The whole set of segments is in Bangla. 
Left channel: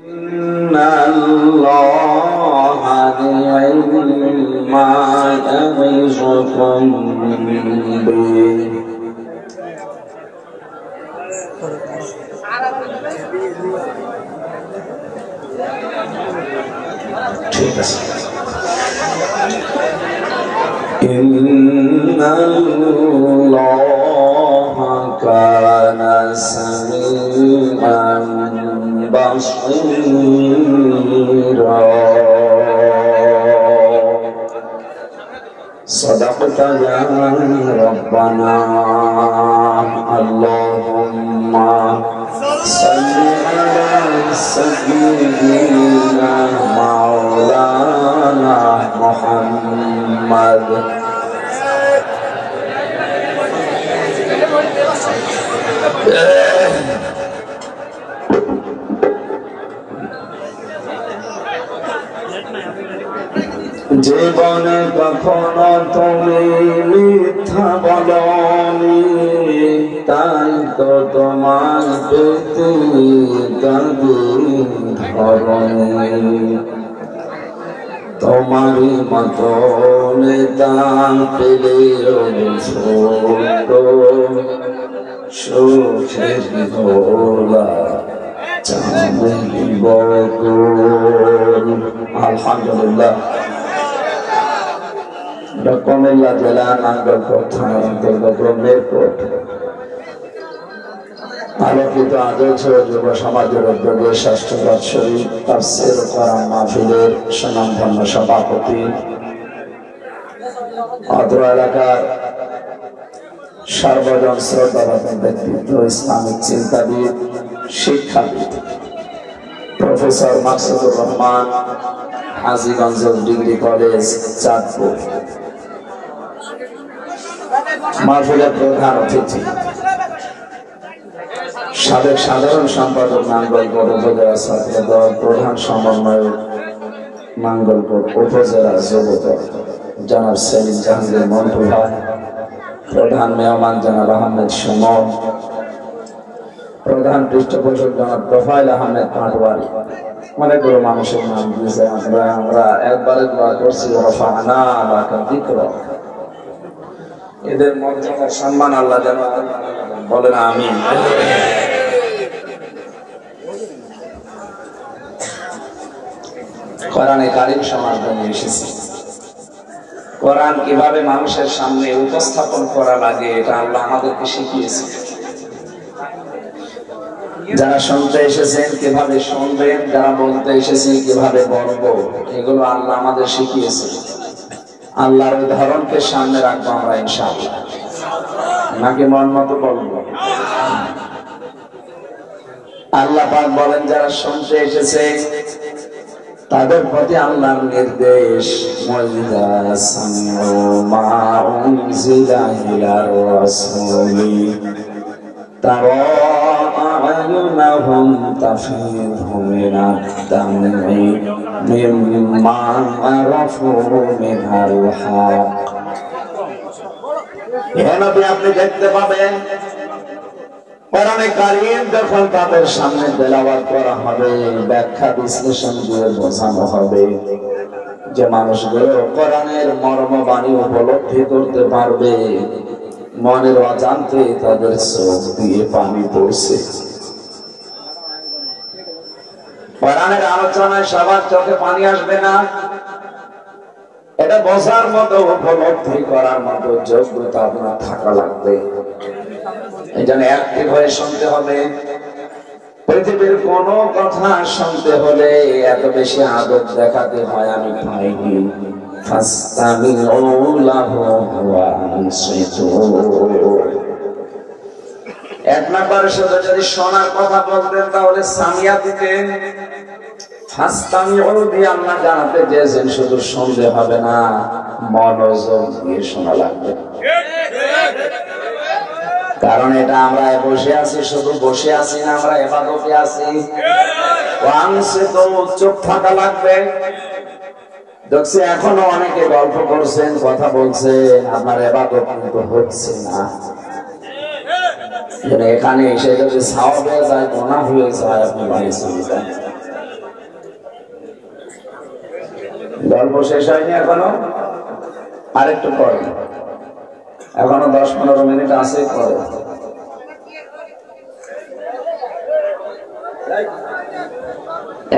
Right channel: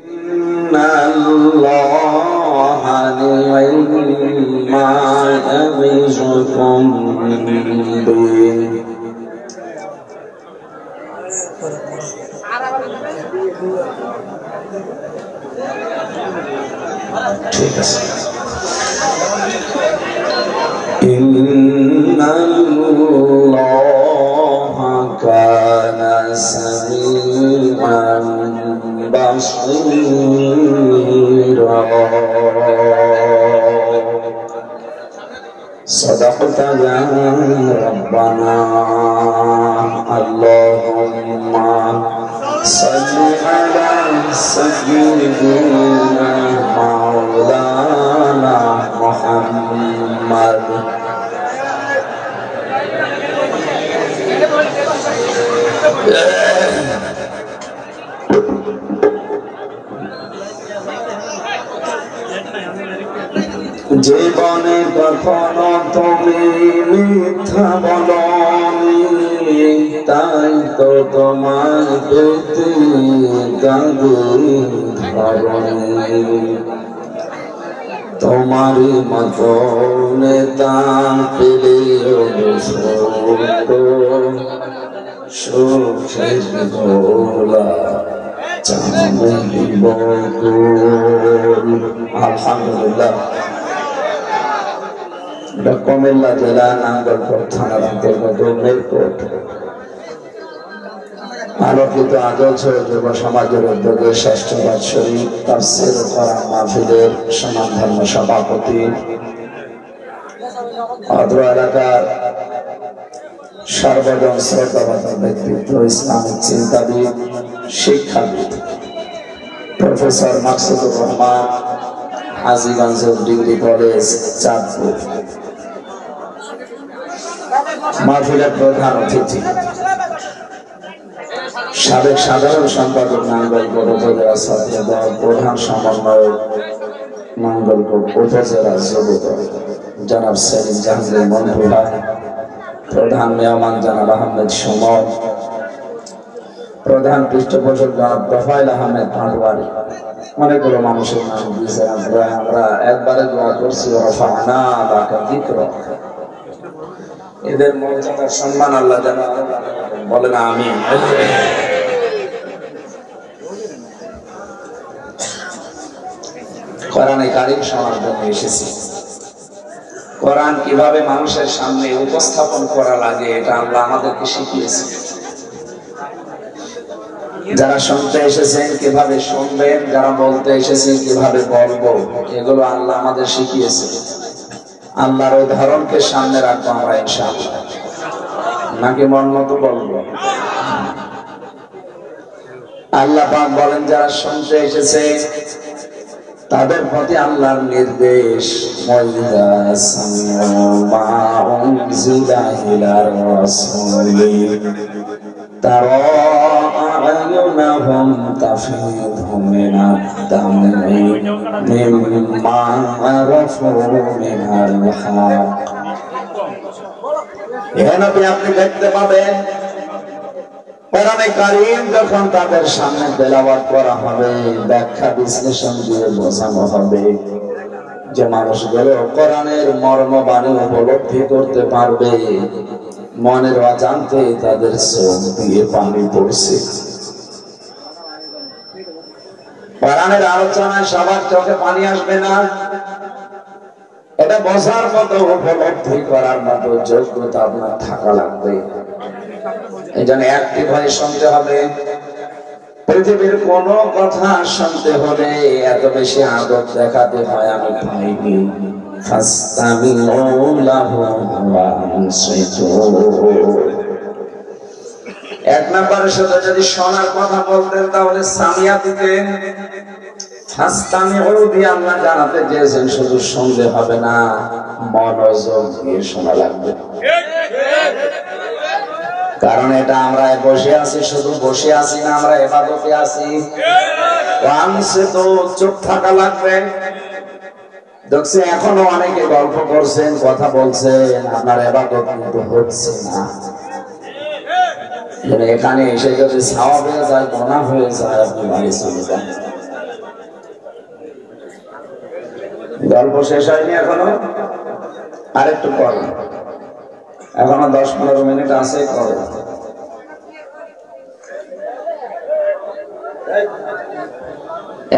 ইন্নাল্লাহা নি'মা ইয়া'iযুকুম বিহি। ঠিক আছে। ইন্নাল্লাহা কানা সামিআন বাসীরা। সাদাকতা ইয়া রাব্বানা। আল্লাহুম্মা সাল্লি আলা সাইয়্যিদিনা মাওলানা মুহাম্মদ। জীবনে কখনো তুমি মিথ্যা বলনি, তাই তো তোমায় পেতে কাঁদি ধরনি। তোমারই মতো নেতা পেলেও ছোট, সুখের দোলা চাঁদিব। আলহামদুলিল্লাহ। কুমিল্লা জেলা নাঙ্গলকোট থানার অন্তর্গত মেরকোট আলোকিত আদর্শ যুব সমাজের উদ্যোগে ষষ্ঠ বাৎসরিক তাফসীর কোরআন মাহফিলের সুনামধন্য সভাপতি, অত্র এলাকার সর্বজন শ্রদ্ধাভাজন ব্যক্তিত্ব, ইসলামিক চিন্তাবিদ, শিক্ষাবিদ professor Maksudur Rahman, Hajiganj degree college, Chandpur. মাহফিলের প্রধান অতিথি, সাবেক সাধারণ সম্পাদক নাঙ্গলকোট উপজেলা ছাত্র দল, প্রধান সমন্বয়ক নাঙ্গলকোট উপজেলা যুবদল জনাব সেলিম জাহাঙ্গীর মন্টু ভাই, প্রধান মেহমান জনাব আহমেদ সুমন, প্রধান পৃষ্ঠপোষক জনাব তোফায়েল আহমেদ পাটওয়ারি। অনেকগুলো মানুষের নাম দিয়েছে। আমরা একবারে দোয়া করছি, রফা'না লাকা যিকরাক। এদের মর্যাদার সম্মান আল্লাহ যেন বলেন আমিন। কোরআনে কারীম শোনার জন্য এসেছি। কোরআন কিভাবে মানুষের সামনে উপস্থাপন করা লাগে এটা আল্লাহ আমাদেরকে শিখিয়েছে। যারা শুনতে এসেছেন কিভাবে শুনবেন, যারা বলতে এসেছেন কিভাবে বলবো, এগুলো আল্লাহ আমাদের শিখিয়েছে। আল্লাহর উদাহরণকে সামনে রাখবো আমরা ইনশাআল্লাহ, নাকি মন মতো বলবো? আল্লাহ পাক বলেন যারা শুনতে এসেছে তাদের প্রতি আল্লাহর নির্দেশ, ওয়াইযা সামিউ মা উনজিলা ইলার রাসূলি তারা আ'য়ুনাহুম তাফীদু মিনাদ দাম'i মিম্মা আরাফু মিনাল হক। হে নবী, আপনি দেখতে পাবেন কোরআনে কারীম যখন তাদের সামনে তেলাওয়াত করা হবে, ব্যাখ্যা বিশ্লেষণ দিয়ে বোঝানো হবে, যে মানুষগুলো কোরআনের মর্মবাণী উপলব্ধি করতে পারবে, মনের অজান্তে তাদের চোখ দিয়ে পানি পড়ছে। কোরআনের আলোচনায় সবার চোখে পানি আসবে না, এটা বোঝার মতো, উপলব্ধি করার মতো যোগ্যতা আপনার থাকা লাগবে। এই জন্য অ্যাক্টিভ হয়ে শুনতে হবে। পৃথিবীর কোন কথা শুনতে হলে এত বেশি আদব দেখাতে হয় আমি পাইনি। এক নাম্বার শুধু যদি শোনার কথা বলতেন তাহলে সামিয়া দিতেন। আল্লাহ জানাতে চেয়েছেন শুধু শুনতে হবে না, মনোযোগ দিয়ে শোনা লাগবে। কারণ এটা আমরা বসে আছি, শুধু বসে আছি না, আমরা ইবাদতে আছি। তো চুপ থাকা লাগবে। দেখছি এখনো অনেকে গল্প করছেন, কথা বলছেন, আপনার ইবাদত কিন্তু হচ্ছে না। এখানে এসে যদি সাওয়াব হয়ে যায়, গুনাহ হয়ে যায়, আপনি বাড়ি চলে যান। গল্প শেষ হয়নি এখনো, আরেকটু পরে, এখনো 10-15 মিনিট আছে, পরে।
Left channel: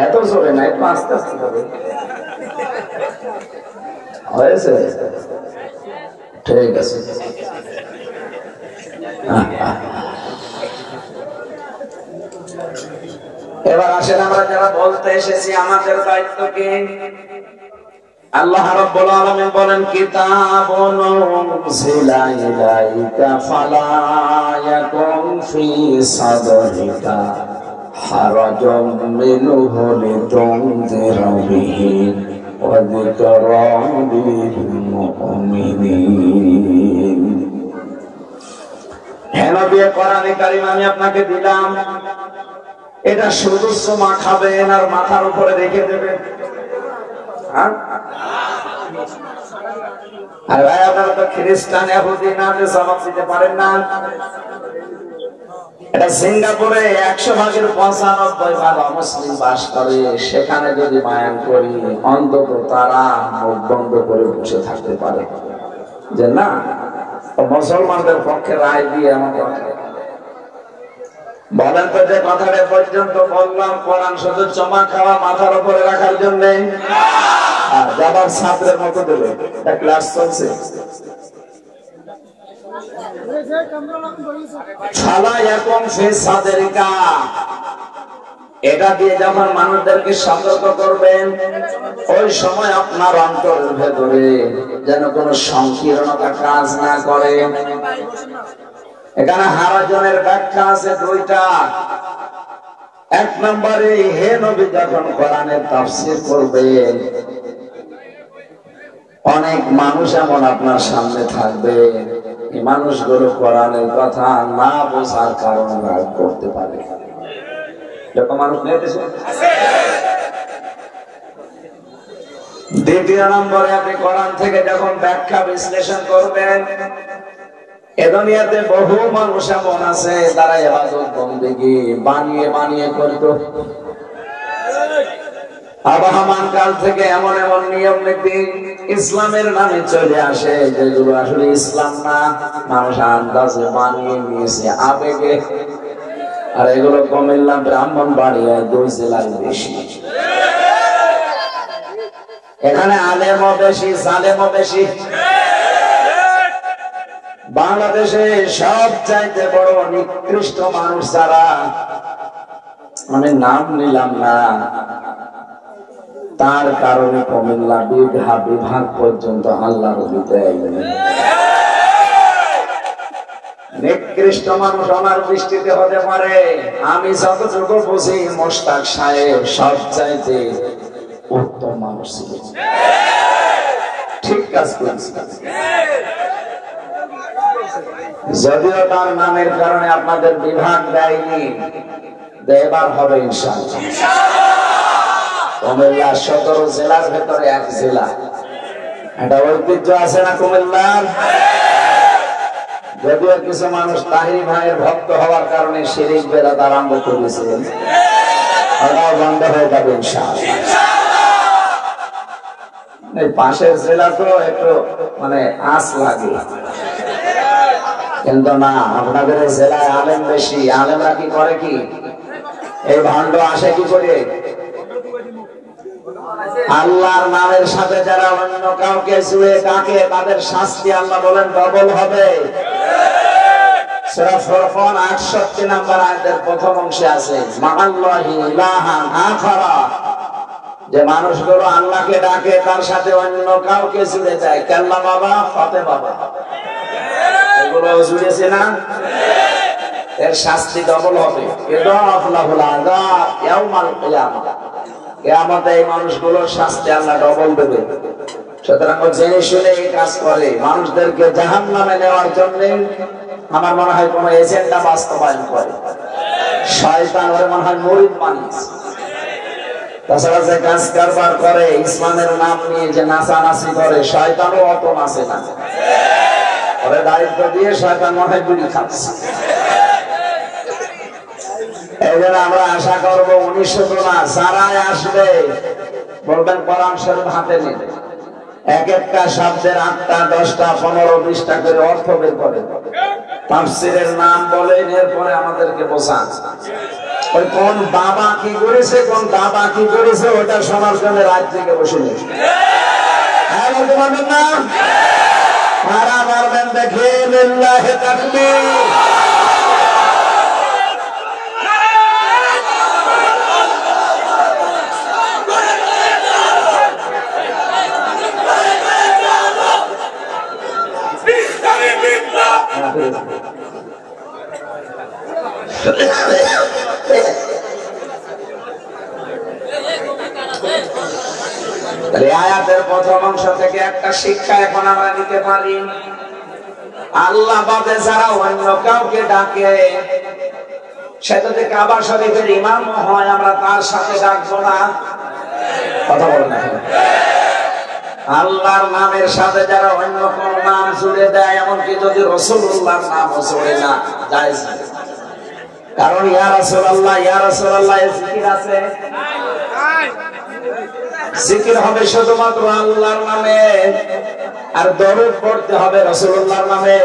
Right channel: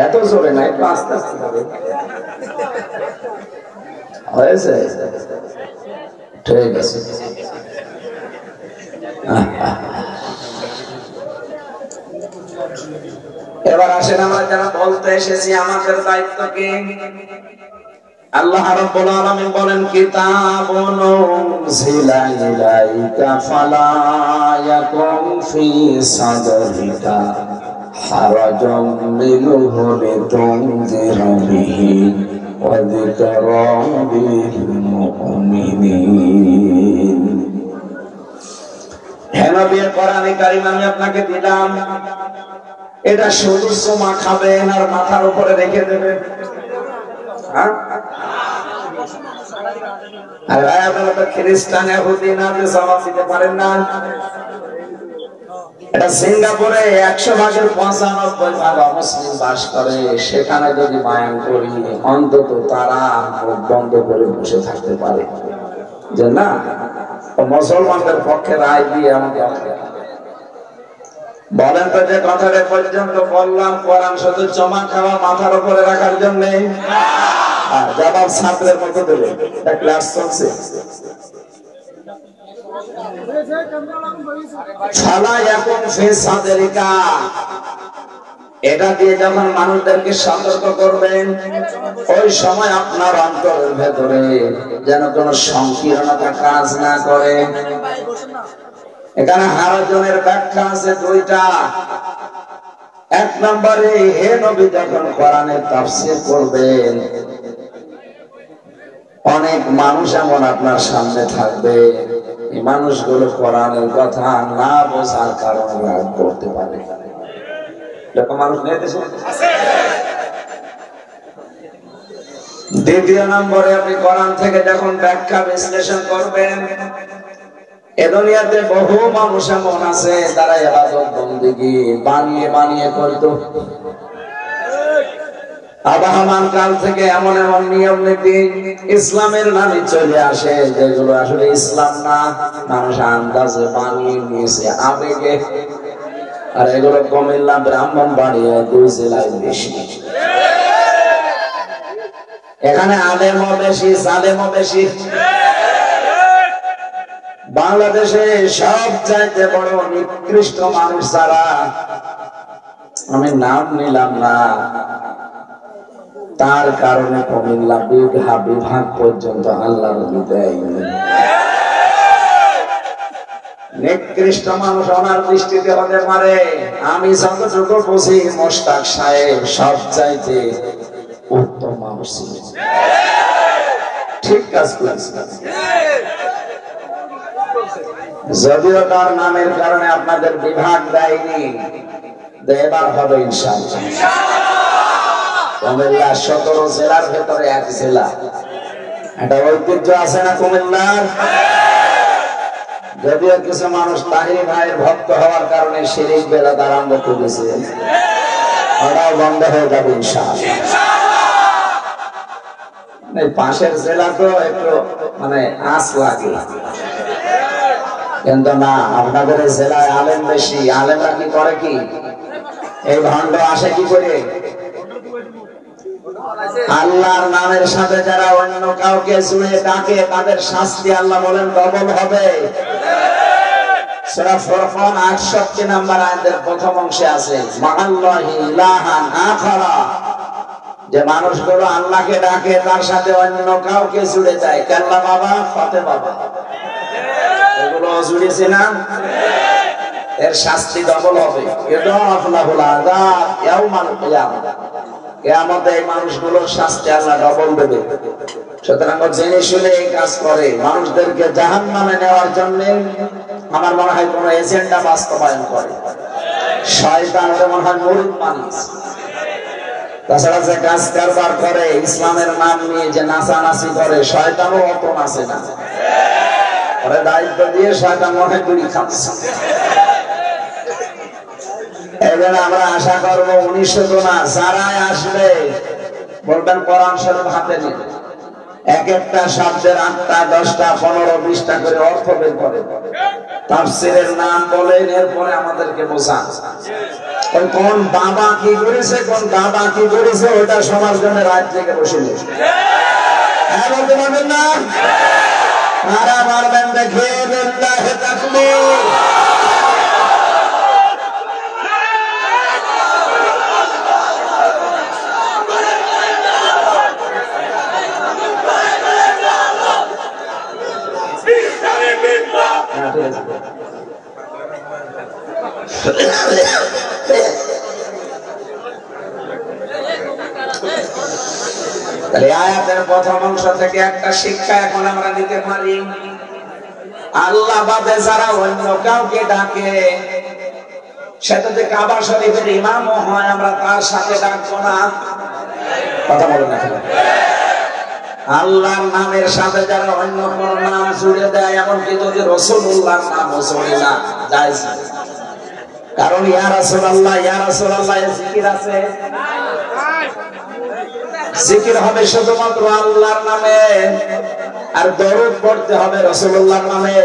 এত জোরে না, একটু আস্তে আস্তে হবে। হয়েছে? ঠিক আছে। এবার আসেন আমরা যারা বলতে এসেছি আমাদের দায়িত্ব কি। আল্লাহ রাব্বুল আলামিন বলেন, কিতাবুন উনজিলা ইলাইকা ফালা ইয়াকুন ফি সাদরিকা হারাজুম মিনহু লিতুনযিরা বিহি ওয়া যিকরা লিল মুমিনিন। হে নবী, কোরআনে কারীম আমি আপনাকে দিলাম, এটা শুধু চুমা খাবেন আর মাথার উপরে রেখে দেবেন। আর ভাই আপনারা তো খ্রিস্টান ইহুদি না, যে জবাব দিতে পারেন না। এটা সিঙ্গাপুরে 100 ভাগের 95 ভাগ অমুসলিম বাস করে, সেখানে যদি বায়ান করি অন্তত তারা মুখ বন্ধ করে বসে থাকতে পারে যে না, মুসলমানদের পক্ষে রায় দিয়ে আমাকে বলেন তো, যে কথাটা পর্যন্ত বললাম কোরআন শুধু চমা খাওয়া মাথার উপরে রাখার জন্য, আর যাবার ছাত্রের মতো দেবে, একটা ক্লাস চলছে। এটা দিয়ে যখন মানুষদেরকে সতর্ক করবেন, ওই সময় আপনার অন্তরের ভেতরে যেন কোন সংকীর্ণতা কাজ না করে। এখানে হারাজনের ব্যাখ্যা আছে 2টা। 1 নম্বরে, হে নবী যখন কোরআনের তাফসীর করবেন, অনেক মানুষ এমন আপনার সামনে থাকবে, এই মানুষগুলো কোরআনের কথা না বোঝার কারণে রাগ করতে পারে। এরকম মানুষ নেই দেশে? 2 নম্বরে, আপনি কোরআন থেকে যখন ব্যাখ্যা বিশ্লেষণ করবেন, এ দুনিয়াতে বহু মানুষ এমন আছে যারা ইবাদত বন্দেগী বানিয়ে বানিয়ে করত। আবহমান কাল থেকে এমন এমন নিয়ম নীতি ইসলামের নামে চলে আসে, যেগুলো আসলে ইসলাম না, মানুষ আন্দাজে বানিয়ে নিয়েছে আবেগে। আর এগুলো কুমিল্লা, ব্রাহ্মণবাড়িয়া 2 জেলায় বেশি। এখানে আলেমও বেশি, জালেমও বেশি। বাংলাদেশে সবচাইতে বড় নিকৃষ্ট মানুষ যারা, আমি নাম নিলাম না, তার কারণে কুমিল্লা বিভাগ পর্যন্ত আল্লাহর দেয়নি। নিকৃষ্ট মানুষ আমার দৃষ্টিতে হতে পারে, আমি যতটুকু বুঝি মোশতাক সাহেব সবচাইতে উত্তম মানুষ ছিলেন, ঠিক কাজ করেছেন। যদিও তার নামের কারণে আপনাদের বিভাগ দেয়নি, এবার হবে ইনশাআল্লাহ। কুমিল্লা 17 জেলার ভেতরে 1 জেলা, এটা ঐতিহ্য আছে না কুমিল্লার। যদিও কিছু মানুষ তাহির ভাইয়ের ভক্ত হওয়ার কারণে শিরিক বেরাত আরম্ভ করেছে, ওটাও বন্ধ হয়ে যাবে ইনশাআল্লাহ। পাশের জেলা তো একটু মানে আস লাগে, কিন্তু না, আপনাদের জেলায় আলেম বেশি। আলেমরা কি করে, কি এই ভণ্ড আসে কি করে? আল্লাহর নামের সাথে যারা অন্য কাউকে জুড়ে ডাকে, তাদের শাস্তি আল্লাহ বলেন ডবল হবে। সূরা ফুরকান 68 নম্বর আয়াতের প্রথম অংশে আছে, মাআল্লাহি ইলাহান আখারা, যে মানুষগুলো আল্লাহকে ডাকে তার সাথে অন্য কাউকে জুড়ে দেয়, কাল্লা বাবা, ফাতে বাবা, এগুলো জুড়েছে না, এর শাস্তি ডবল হবে। কিয়ামতে এই মানুষগুলোর শাস্তি আল্লাহ ডবল দেবে। সুতরাং জেনে শুনে এই কাজ করে মানুষদেরকে জাহান্নামে নেওয়ার জন্য, আমার মনে হয় কোন এজেন্ডা বাস্তবায়ন করে শয়তান, ওরে মনে হয় মুরিদ মানুষ। তাছাড়া যে কাজ কারবার করে ইসলামের নাম নিয়ে যে নাচানাচি করে, শয়তানও অত নাচে না, ওরে দায়িত্ব দিয়ে শয়তান মনে হয় বিড়ি খাচ্ছে। এই জন্য আমরা আশা করবো 1900 না, যারাই আসবে বলবেন কোরআন শরীফ হাতে নিন, এক একটা শব্দের 8টা 10টা 15 20টা করে অর্থ বের করেন, তাফসীরের নাম বলেন, এরপরে আমাদেরকে বোঝান ওই কোন বাবা কি করেছে, কোন বাবা কি করেছে, ওটা সবার জন্য রাত থেকে বসে নেই। হ্যাঁ বলতে পারবেন না? মারা মারবেন দেখে লিল্লাহি তাকবীর। আয়াতের প্রথম অংশ থেকে একটা শিক্ষা এখন আমরা নিতে পারি, আল্লাহ বাদে যারা অন্য কাউকে ডাকে, সে যদি কাবা শরীফের ইমামও হয়, আমরা তার সাথে ডাকবো না। কথা বলেন না? আল্লাহর নামের সাথে যারা অন্য কোন নাম জুড়ে দেয়, এমনকি যদি রাসূলুল্লাহর নামও জুড়ে না, জায়েজ না। কারণ ইয়া রাসূলুল্লাহ ইয়া রাসূলুল্লাহ এর জিকির আছে, জিকির হবে শুধুমাত্র আল্লাহর নামে, আর দরুদ পড়তে হবে রাসূলুল্লাহর নামে।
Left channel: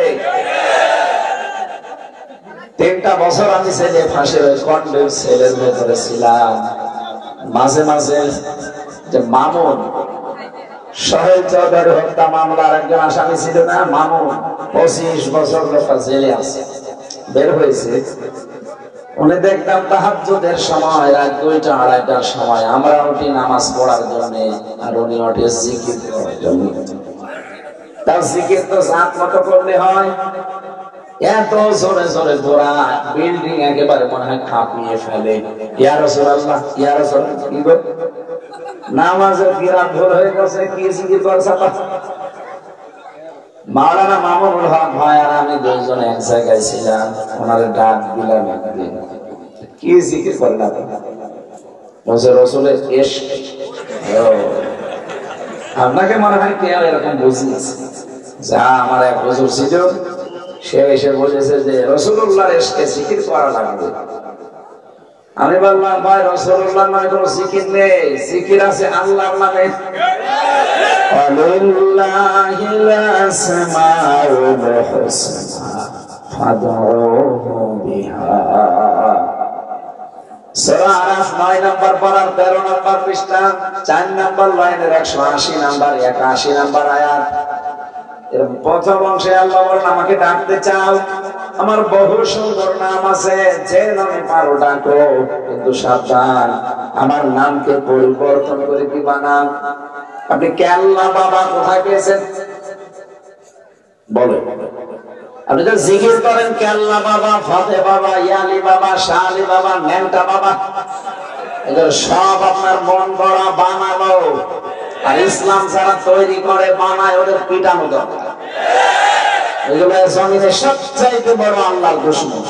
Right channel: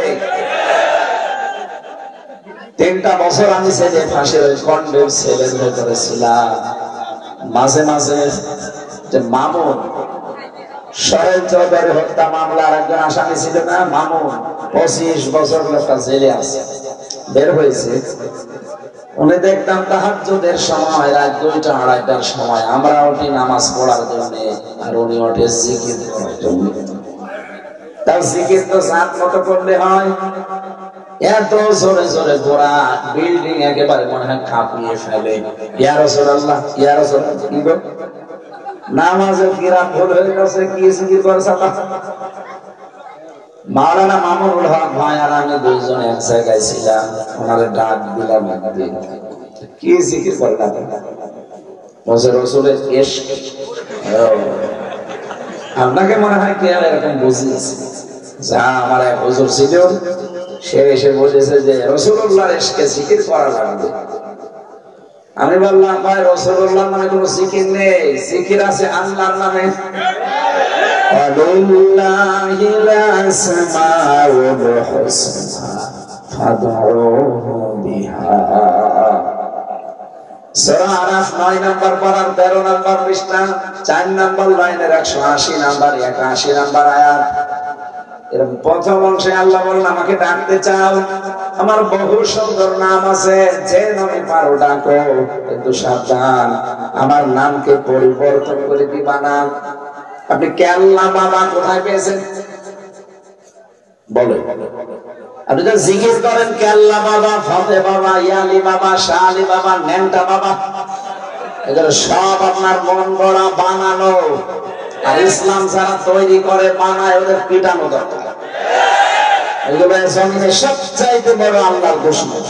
3টা বছর আমি ছেলে ফাঁসির ওই কন্ডেম সেলের ভেতরে ছিলাম। মাঝে মাঝে যে মামুন সোহেল চৌধুরী হত্যা মামলার একজন আসামি ছিল না, মামুন 25 বছর লোকটা জেলে আছে, বের হয়েছে। উনি দেখতাম তাহাজ্জুদের সময়, রাত 2টা 2:30টার সময় আমরা উঠি নামাজ পড়ার জন্য, আর উনি ওঠে জিকির করার জন্য। তার জিকির তো জাত মতো করলে হয়, এত জোরে জোরে গোরা বিল্ডিং একেবারে মনে হয় কাঁপিয়ে ফেলে। ইয়া রাসূলুল্লাহ ইয়া রাসূলুল্লাহ, কি গো নামাজের কিরাত ভুল হয়ে গেছে, কি জিকির করছ? মাওলানা মামুনুল হক ভাই আর আমি দুইজন এক জায়গায় ছিলাম, ওনারে ডাক দিলাম, কি জিকির করলাম? বলছে রাসূলের ইশক। আপনাকে মনে হয় কেউ এরকম বুঝিয়েছে? যা আমার এক হুজুর ছিল, সে এসে বলেছে যে রাসূলুল্লাহর ইশকে জিকির করা লাগবে। আমি বললাম ভাই, রাসূলুল্লাহর নামে কোনো জিকির নেই, জিকির আছে আল্লাহর নামে। আলিল্লাহিল আসমাউল হুসনা ফাদউহু বিহা। সূরা আরাফ 9 নম্বর পারার 13 নম্বর পৃষ্ঠা 4 নম্বর লাইনের 180 নম্বর 81 নম্বর আয়াত। এর প্রথম অংশে আল্লাহ বলেন, আমাকে ডাকতে চাও, আমার বহু সুন্দর নাম আছে, যে নামে পারো ডাকো, কিন্তু সাবধান, আমার নামকে পরিবর্তন করে দিবা না। আপনি কেল্লা বাবা কোথায় পেয়েছেন বলেন? আপনি যা জিকির করেন কেল্লা বাবা, ফতে বাবা, ইয়ালি বাবা, শালি বাবা, নেমটা বাবা, এগুলো সব আপনার মন গড়া বানানো। আর ইসলাম যারা তৈরি করে বানায়, ওদের পিটানো দরকার। এগুলো জমিনে সবচাইতে বড় আল্লাহর দুশমন।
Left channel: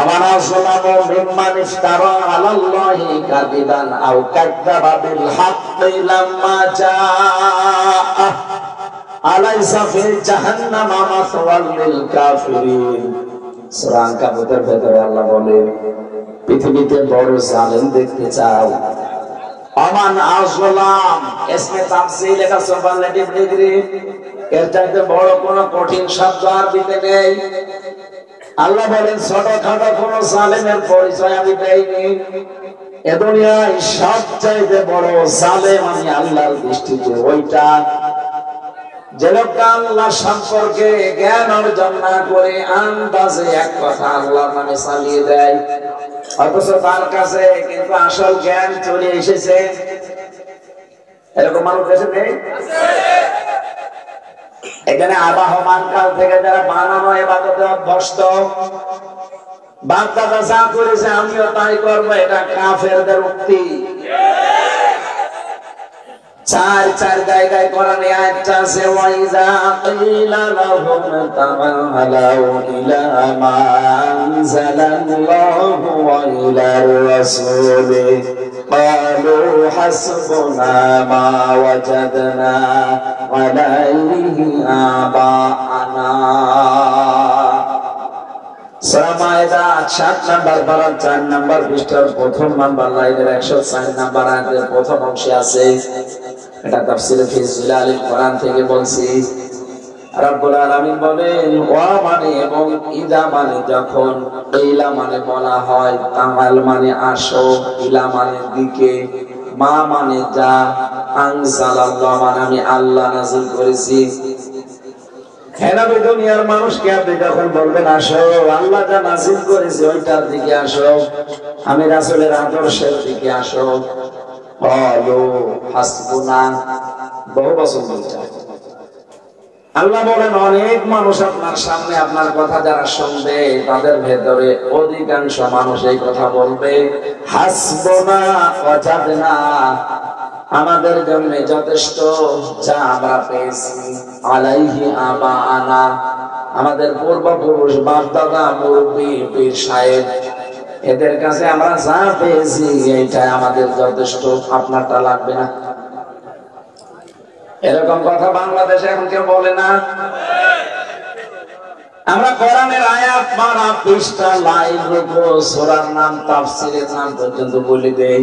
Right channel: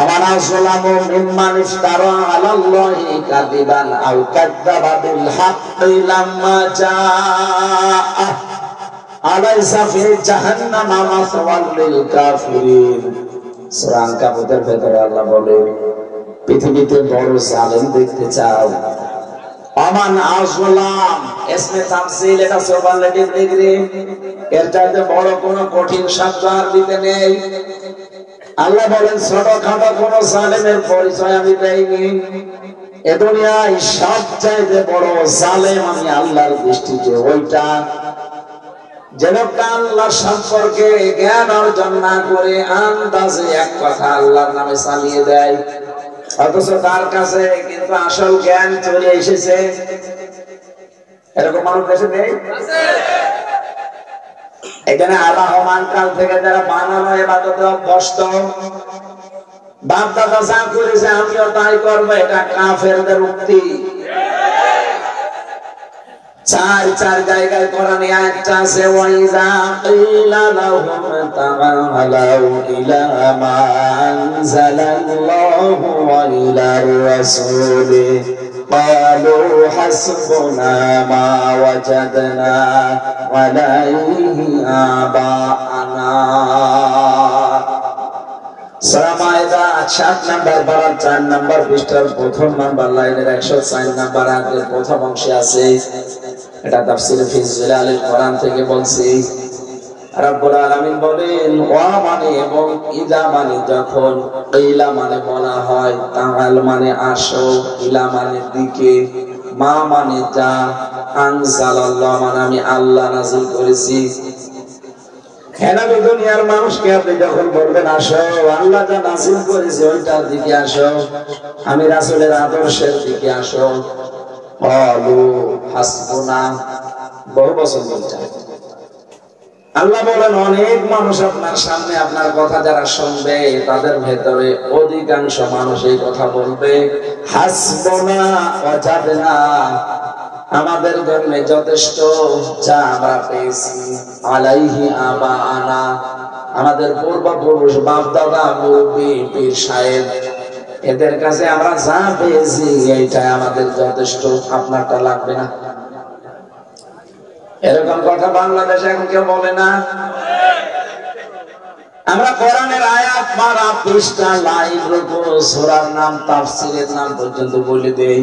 আমার আসলামু মিম্মান ইফতারা আলাল্লাহি কাযিবান আও কাযযাবা বিল হাক্কি লাম্মা জাআ আলাইসা ফি জাহান্নামা মাসওয়াল লিল কাফিরিন। সূরা আনকাবুতের ভেতরে আল্লাহ বলে, পৃথিবীতে বড় জালেম দেখতে চাও? আমান আসলাম ইসমে তাফসীল, এটা সুপারলেটিভ ডিগ্রি, এর চাইতে বড় কোন কঠিন শব্দ আরবিতে নেই। আল্লাহ বলেন, ছোটখাটো কোন জালেমের পরিচয় আমি দেইনি। এ দুনিয়ায় সবচাইতে বড় জালেম আমি আল্লাহর দৃষ্টিতে ওইটা, যে লোকটা আল্লাহ সম্পর্কে জ্ঞান অর্জন না করে আন্দাজে এক কথা আল্লাহর নামে চালিয়ে দেয়, অথচ তার কাছে কিন্তু আসল জ্ঞান চলে এসেছে। এরকম মানুষ দেশে নেই? এখানে আবাহমান কাল থেকে যারা বানানো ইবাদতে অভ্যস্ত, বাপ দাদা যা করেছে আমিও তাই করবো, এটা কাফেরদের উক্তি। চার জায়গায় কোরআনে আয়াত আছে, ওয়াইযা কিলা লাহুম তাআলাউ ইলা মা আনজালাল্লাহু ওয়া ইলার রাসূল ক্বালু হাসবুনা মা ওয়াজাদনা আলাইহি আবানা। সূরা মায়েদা 7 নাম্বার পারা 4 নাম্বার পৃষ্ঠার প্রথম নাম্বার লাইনের 104 নাম্বার আয়াতের প্রথম অংশে আছে। এটা তাফসীর ফি জিলালিল কোরআন থেকে বলছি। রব্বুল আলামিন বলেন ওয়া মানে এবং ইদা মানে যখন, ইলা মানে বলা হয়, তাআল মানে আসো, ইলা মানে দিকে, মা মানে যা, আনজালাল্লাহ মানে আমি আল্লাহ নাযিল করেছি। হেনাবে দুনিয়ার মানুষকে আপনি যখন বলবেন আসো, আল্লাহ যা নাযিল করেছে ওইটার দিকে আসো, আমি রাসূলের আদর্শের দিকে আসো। ক্বালু হাসবুনা, বহু বছর বলছে আল্লাহ বলেন অনেক মানুষ আপনার সামনে আপনার কথা যারা শুনবে তাদের ভেতরে অধিকাংশ মানুষ এই কথা বলবে হাসবুনা ওয়াজাদনা, আমাদের জন্য যথেষ্ট যা আমরা পেয়েছি, আলাইহি আবাআনা, আমাদের পূর্বপুরুষ বাপ দাদা মুরব্বি পীর সাহেব এদের কাছে আমরা যা পেয়েছি এইটাই আমাদের যথেষ্ট, আপনারটা লাগবে না। এরকম কথা বাংলাদেশে এখন কেউ বলে না। আমরা কোরআনের আয়াত মারা পৃষ্ঠা লাইভ রূপো সূরার নাম তাফসীরের নাম পর্যন্ত বলে দেই,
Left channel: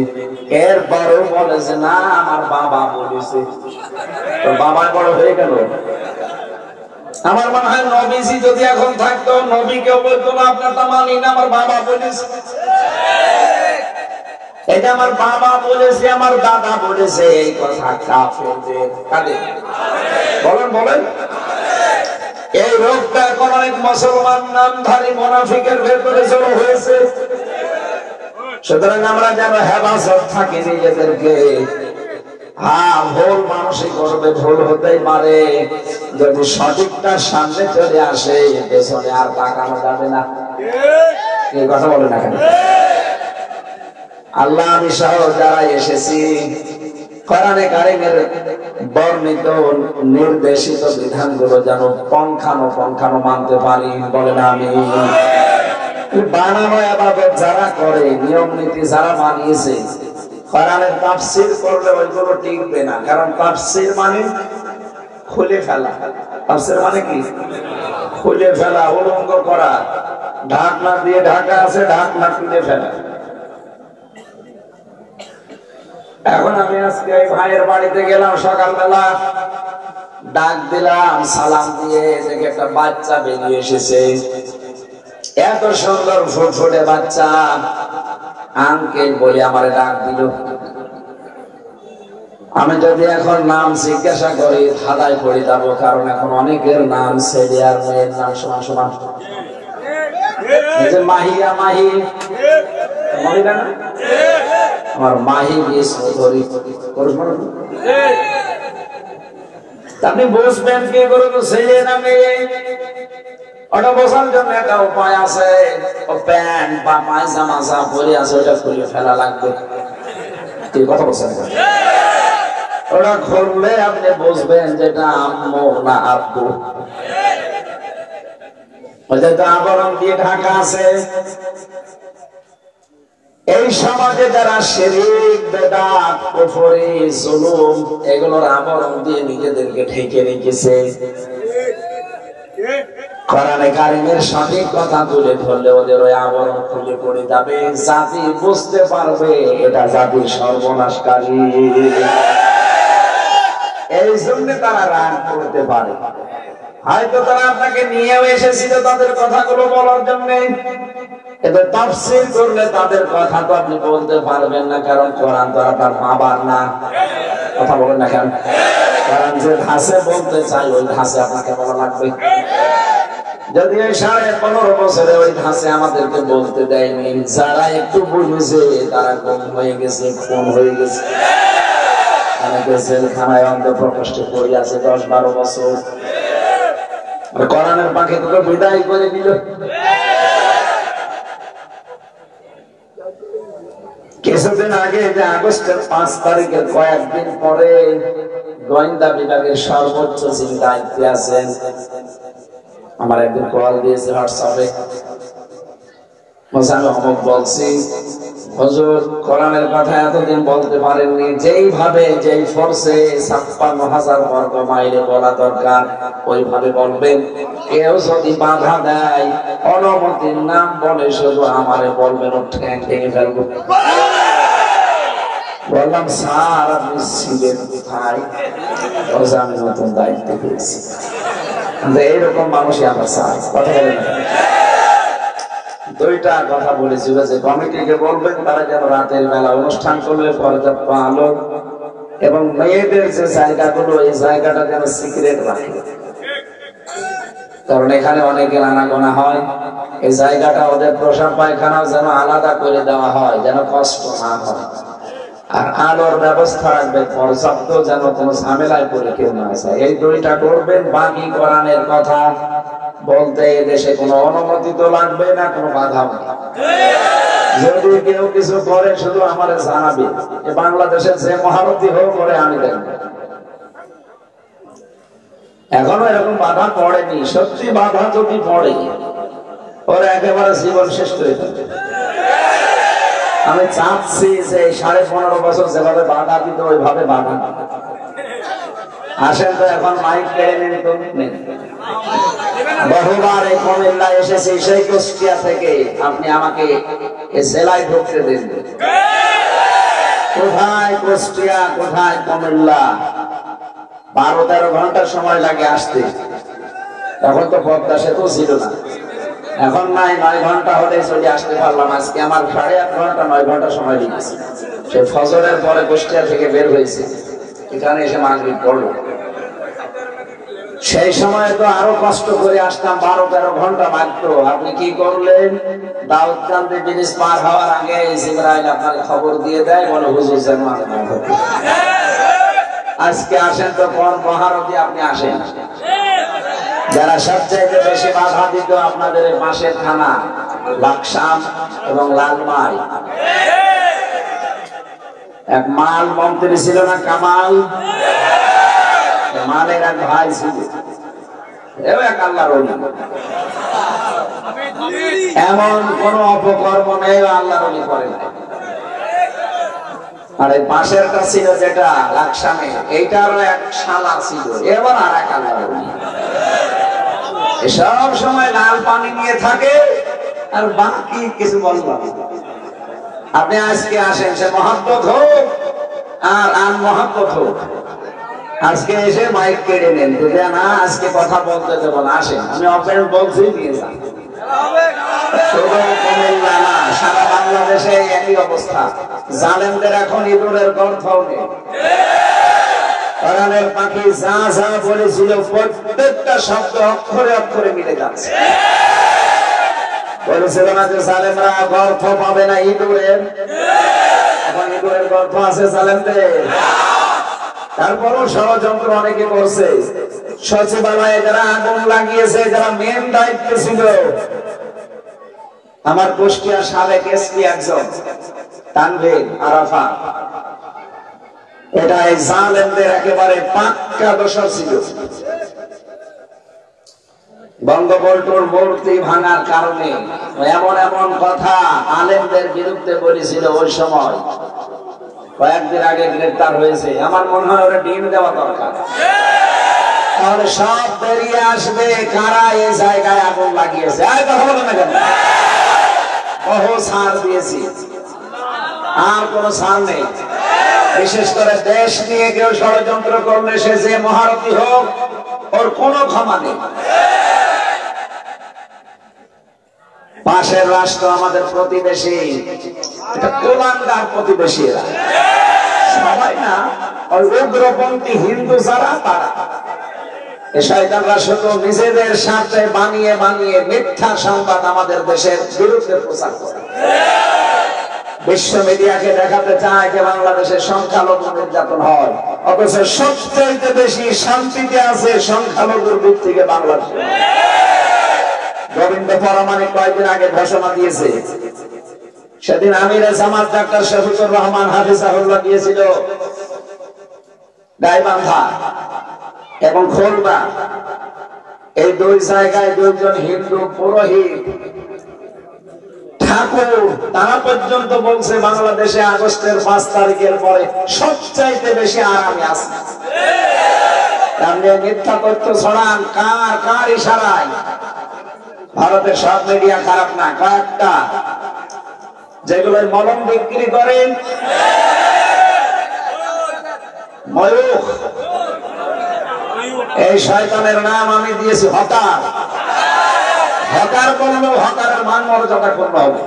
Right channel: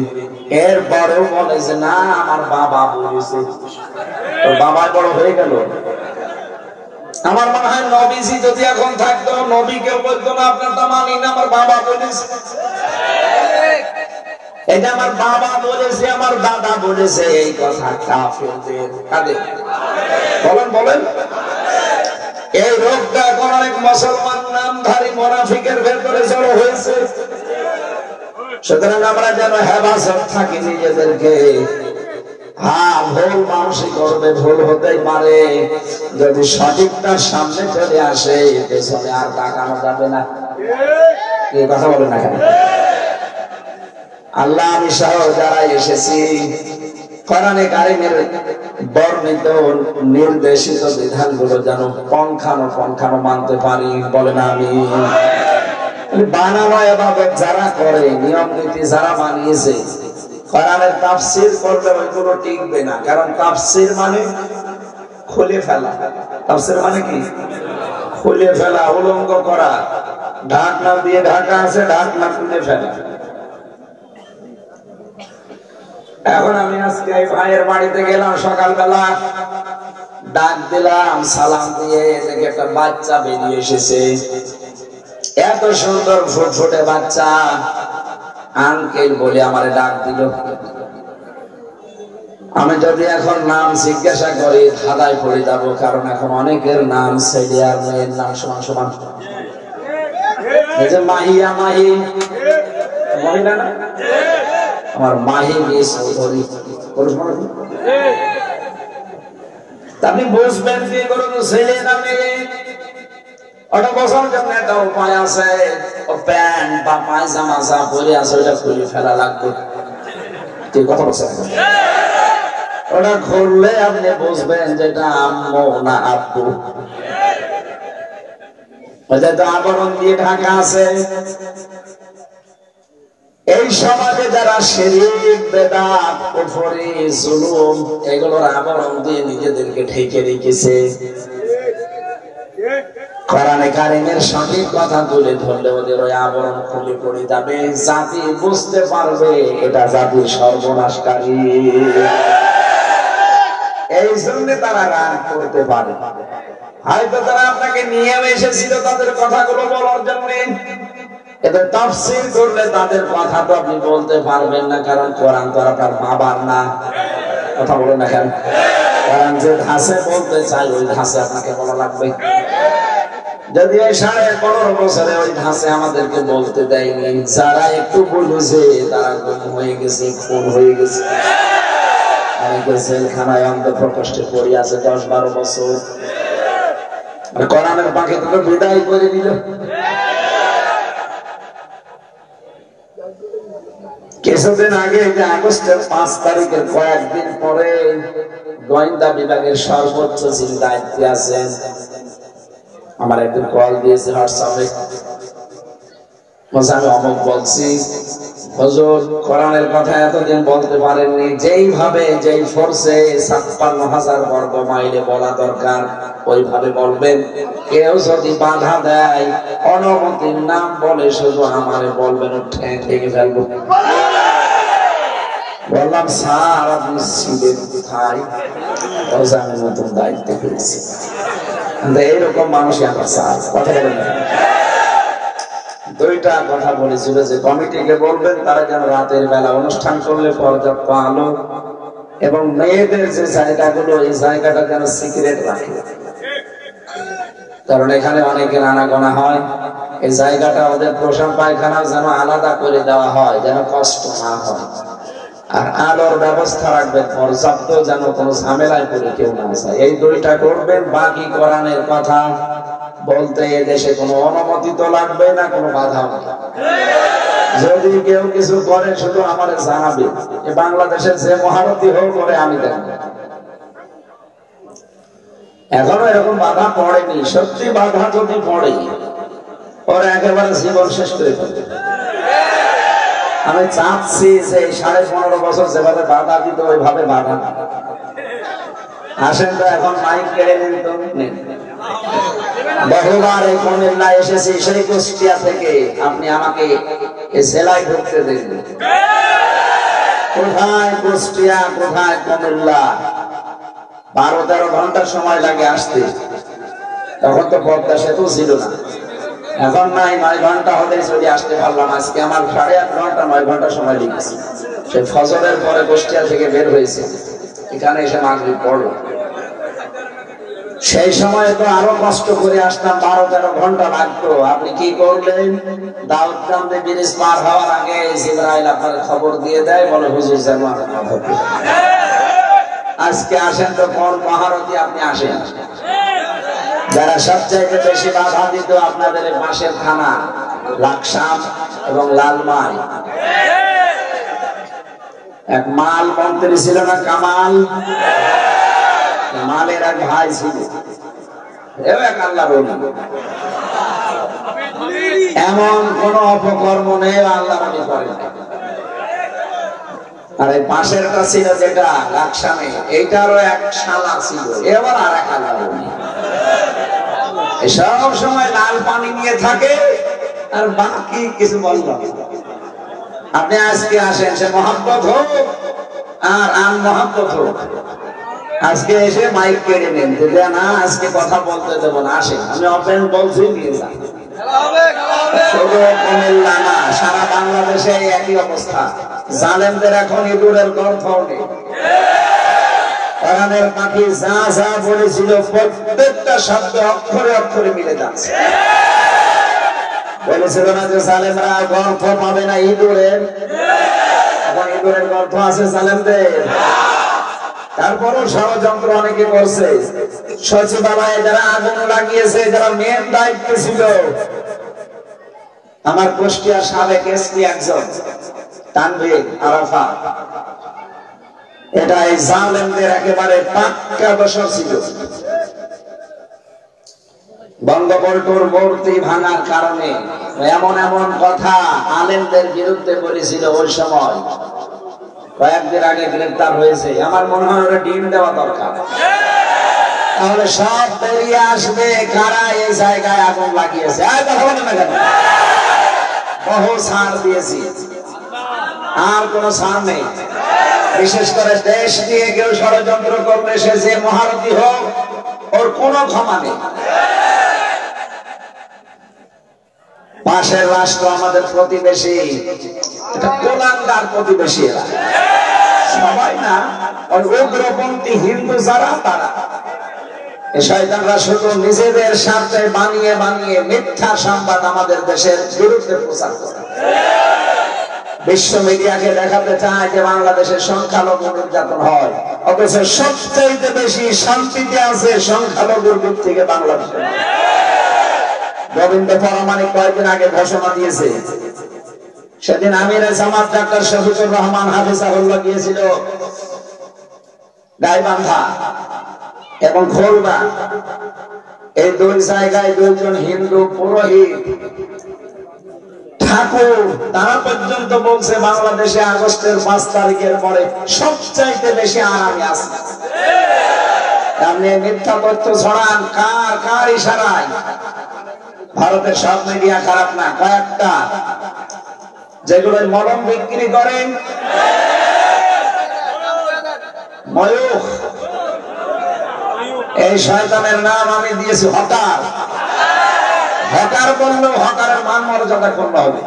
এরপরও বলে যে না আমার বাবা বলেছে। তো বাবা বড় হয়ে গেল। আমার মনে হয় নবীজি যদি এখন থাকতো নবী কেউ বলতো না আপনারটা মানি না, আমার বাবা বলেছে, এটা আমার বাবা বলেছে, আমার দাদা বলেছে, এই কথা কাফেরদের। কাদের বলেন বলেন? এই রোগটা এখন অনেক মুসলমান নামধারী মুনাফিকের ভেতরে জড়ো হয়েছে। সুতরাং আমরা যেন হেফাজত থাকি নিজেদেরকে। হ্যাঁ, ভুল মানুষই করবে, ভুল হতেই পারে, যদি সঠিকটা সামনে চলে আসে পেছনে আর তাকানো যাবে না। এই কথা বলে না কেন? আল্লাহ আমি সহ যারা এসেছি কোরআনে কারিমের বর্ণিত নির্দেশিত বিধানগুলো যেন পঙ্খানো মানতে পারি, বলেন আমি। বানানো ইবাদত যারা করে, নিয়ম নীতি যারা মানিয়েছে, কোরআনের তাফসীর করলে ওইগুলো টিকবে না। কারণ তাফসীর মানে খুলে ফেলা। তাফসীর মানে কি? খুলে ফেলা, উলঙ্গ করা। ঢাকনা দিয়ে ঢাকা আছে, ঢাকনা খুলে ফেলা। এখন আমি আজকে এই ভাইয়ের বাড়িতে গেলাম, সকালবেলা ডাক দিলাম, সালাম দিয়ে দেখে একটা বাচ্চা বেরিয়ে এসেছে। এত সুন্দর ফুটফুটে বাচ্চা, আঙ্কেল বলে আমারে ডাক দিল। আমি যদি এখন নাম জিজ্ঞাসা করি ধাঁধায় পড়ে যাবো, কারণ এখন অনেকের নাম ছেলে আর মেয়ের নাম সমান সমান। মাহিয়া মাহি, মহিলা না? আমার মাহি চৌধুরী, আপনি বুঝবেন কি করে ছেলে না মেয়ে? ওটা বোঝার জন্য একটা উপায় আছে। ও প্যান্ট বা পায়জামা যা পরে আছে ওটা খুলে ফেলা লাগবে। তুই কথা বলছেন, ওটা খুললে আপনি বুঝবেন যেটা আম্মু না আব্বু। ওটা তো আবরণ দিয়ে ঢাকা আছে। এই সমাজে যারা শিরক, বেদাত, কুফরি, জুলুম এগুলোর আবরণ দিয়ে নিজেদেরকে ঢেকে রেখেছে, কোরআনে কারিমের সঠিক কথা তুলে ধরলে ওদের ওই আবরণ খুলে পড়ে যাবে। জাতি বুঝতে পারবে এটা জাতির সর্বনাশকারী। এই জন্য তারা রাগ করতে পারে। হয়তো তারা আপনাকে নিয়েও এসেছিল তাদের কথাগুলো বলার জন্য, এদের তাফসীর করলে তাদের কথা তো আপনি বলতে পারবেন না, কারণ কোরআন তো আপনার বাবার না। কথা বলেন না কেন? কোরআন যে ধাঁচে বলতে চাই ওই ধাঁচে আপনাকে বলা লাগবে। যদি এই 15.5 বছরে ওই ধাঁচে আমাদেরকে বলতে দেয়নি, যারা একটু বুঝেছে তারা গুম হয়ে গেছে, খুন হয়ে গেছে, অনেকে জেলখানায় অন্তঃপ্রকোষ্ঠে পড়ে আছে 10-12 বছর। আর কোরআনের পাখি তো বিদায় করে দিল। কিছুদিন আগে যে আগস্টের 5 তারিখের কয়েকদিন পরে গোয়েন্দা বিভাগের সর্বোচ্চ যিনি দায়িত্বে আছেন আমার একদিন কল দিয়েছে হোয়াটসঅ্যাপে, আমি অমুক বলছি হুজুর কোরআনের কথা এতদিন বলতে পারেননি, যেইভাবে যেই ফোর্সে ৫৬,০০০ বর্গ মাইলে বলা দরকার ওইভাবে বলবেন। কেউ যদি বাধা দেয়, অনুমতির নাম বলে শুধু আমারে বলবেন, ঠেঙে ফেলবো। বললাম স্যার আপনি ছিলেন কোথায়? আমি নতুন দায়িত্ব পেয়েছি। এইরকম মানুষই আমার স্যার। কথা বলেন না। দুইটা কথা বলেছিল যে কমিটিকে বলবেন তারা যেন রাতের বেলা অনুষ্ঠান করলে পর্যাপ্ত আলো এবং মেয়েদের যে জায়গাগুলো এই জায়গাটা যেন সিক্রেট রাখে, কারণ এখানে অনেকের আনাগোনা হয়। এই জায়গাটা ওদের প্রসাব পায়খানা যেন আলাদা করে দেওয়া হয়, যেন কষ্ট না হয়। আর আলোর ব্যবস্থা রাখবেন পর্যাপ্ত, যেন কোনো ঝামেলায় পড়ে কেউ না যায়। এই দুইটা করবেন। বাকি কোরআনের কথা বলতে এদেশে কোনো অনুমতি তো লাগবে না, কোনো বাধা নেই। যদি কেউ কিছু করে শুধু আমার জানাবে। বাংলাদেশের যে মহারথী হোক করে আমি দেখব। এখনো এরকম বাধা পড়েনি। সত্যি বাধা যদি পড়ে ওর একেবারে জীবন শেষ করে ফেলবে। আমি চাচ্ছি যে 15.5 বছর যেভাবে বাধা দিত ওইভাবে বাধা আসেন তো। এখন মাইক কেড়ে নিন তো। বহুবার এই কুমিল্লা এসেছি, সেই কুষ্টিয়া থেকে। আপনি আমাকে সেলাই ঢুকতে দিন। কোথায় কুষ্টিয়া, কোথায় কুমিল্লা? 12-13 ঘন্টা সময় লাগে আসতে। তখন তো পদ্মা সেতু ছিল না। এখন নাই, 9 ঘন্টা হলে চলে আসতে পারলাম। আজকে আমার 8.5 ঘন্টা 9 ঘন্টা সময় লেগেছে। সে ফজরের পরে কুষ্টিয়া থেকে বের হয়েছে, এখানে এসে মাগরিব পড়লো। সেই সময় তো আরো কষ্ট করে আসতাম, 12-13 ঘন্টা লাগতো। আপনি কি করলেন? দাউদকান্দি ব্রিজ পার হওয়ার আগে জিবরাইল আপনার খবর দিয়ে দেয়, বলে হুজুর যেন আজকে আসেন তো কোন মহারথী আপনি আসেন। যারা সবচাইতে বেশি বাধা দিত আপনাদের পাশের থানা লাকসাম এবং লালমাই। এক মাল মন্ত্রী ছিল না, কামাল? মালের এক ভাই ছিল, এক আল্লাহর ওলি। এমন কোন অপকর্ম নেই আল্লাহর ওলি করে না। আর এই পাশেরটা ছিল যেটা লাকসামে, এইটারও এক শালা ছিল, এবার আর এক আল্লাহর ওলি। সব সময় লাল পানি নিয়ে থাকে আর বাকি কিছু বললাম। আপনি আজকে আসেন, সে মহাব্বত হোক আর আন মহাব্বত হোক, আজকে এসে মাইক কেড়ে নেন। না, আজকে কথা বলতে দেবো না, আসেন। আমি অফলাইন বলছি, নিয়ে যান। শুধু কুমিল্লা না, সারা বাংলাদেশে একই অবস্থা। জালেমদের এখন ইঁদুরের গর্ত নেই। কোরআনের পাখি যা যা বলেছিল প্রত্যেকটা শব্দ অক্ষরে অক্ষরে মিলে যাচ্ছে। বলেছিল না যে জালেমরা গর্ত পাবে না ইঁদুরের? এখন ইঁদুরের গর্ত আছে জালেমদের। তারপরও ষড়যন্ত্র অনেকে করছে। সচিবালয়ে যারা আগুন লাগিয়েছে, যারা মেন দায়িত্ব ছিল, আমার কুষ্টিয়ার সাবেক এসপি একজন তানভীর আরাফাত, এটা এই জালেমদের একেবারে পাক্কা দোষর ছিল। বঙ্গবন্ধুর মূর্তি ভাঙার কারণে এমন এমন কথা আলেমদের বিরুদ্ধে বলেছিল। ওই সময় কয়েকদিন আগে গ্রেফতার হয়েছে। আমার মনে হয় ওরা ডিম দেওয়া দরকার, তাহলে সব বেরিয়ে আসবে কারা এই জায়গায় আগুন লাগিয়েছে। আর কথা বলে না কেন? বহু ছাড় দিয়েছি, আর কোন ছাড় নেই। বিশেষ করে দেশ নিয়ে কেউ ষড়যন্ত্র করলে সে যে মহারথী হোক, ওর কোনো ক্ষমা নেই। পাশের রাষ্ট্র আমাদের প্রতিবেশী, এটা কোলাঙ্গার প্রতিবেশী। এরা সবাই না, ওই উগ্রপন্থী হিন্দু যারা, তারা এই শয়তানরা শুধু নিজেদের স্বার্থে বানিয়ে বানিয়ে মিথ্যা সংবাদ আমাদের দেশের বিরুদ্ধে প্রচার করে। বিশ্ব মিডিয়াকে দেখাতে চায় যে বাংলাদেশের সংখ্যালঘু নির্যাতন হয়, অথচ সবচেয়ে বেশি শান্তিতে আছে সংখ্যালঘুর দিক থেকে বাংলাদেশে। গোবিন্দ পরমাণিক কয়েকদিন আগে ঘোষণা দিয়েছে, সেদিন আমিরে জামাত ডাক্তার শফিকুর রহমান হাফিজাহুল্লাহ গিয়েছিল গাইবান্ধা এবং খোলবা। এই দুই জায়গায় দুইজন হিন্দু পুরোহিত ঠাকুর ঠাকুর তারা পর্যন্ত বলছে বাংলাদেশে আগস্টের 5 তারিখের পরে সবচাইতে বেশি আরামে আছে। আপনি মিথ্যা তথ্য ছড়ান কার ইশারায়? ভারতের সব মিডিয়া খারাপ না, কয়েকটা যেগুলো মলম বিক্রি করেন, ময়ূখ, এই শয়তানের নাম আমি দিয়েছি হকার। হকার বললেও হকারের মান মর্যাদা ক্ষুণ্ণ হবে।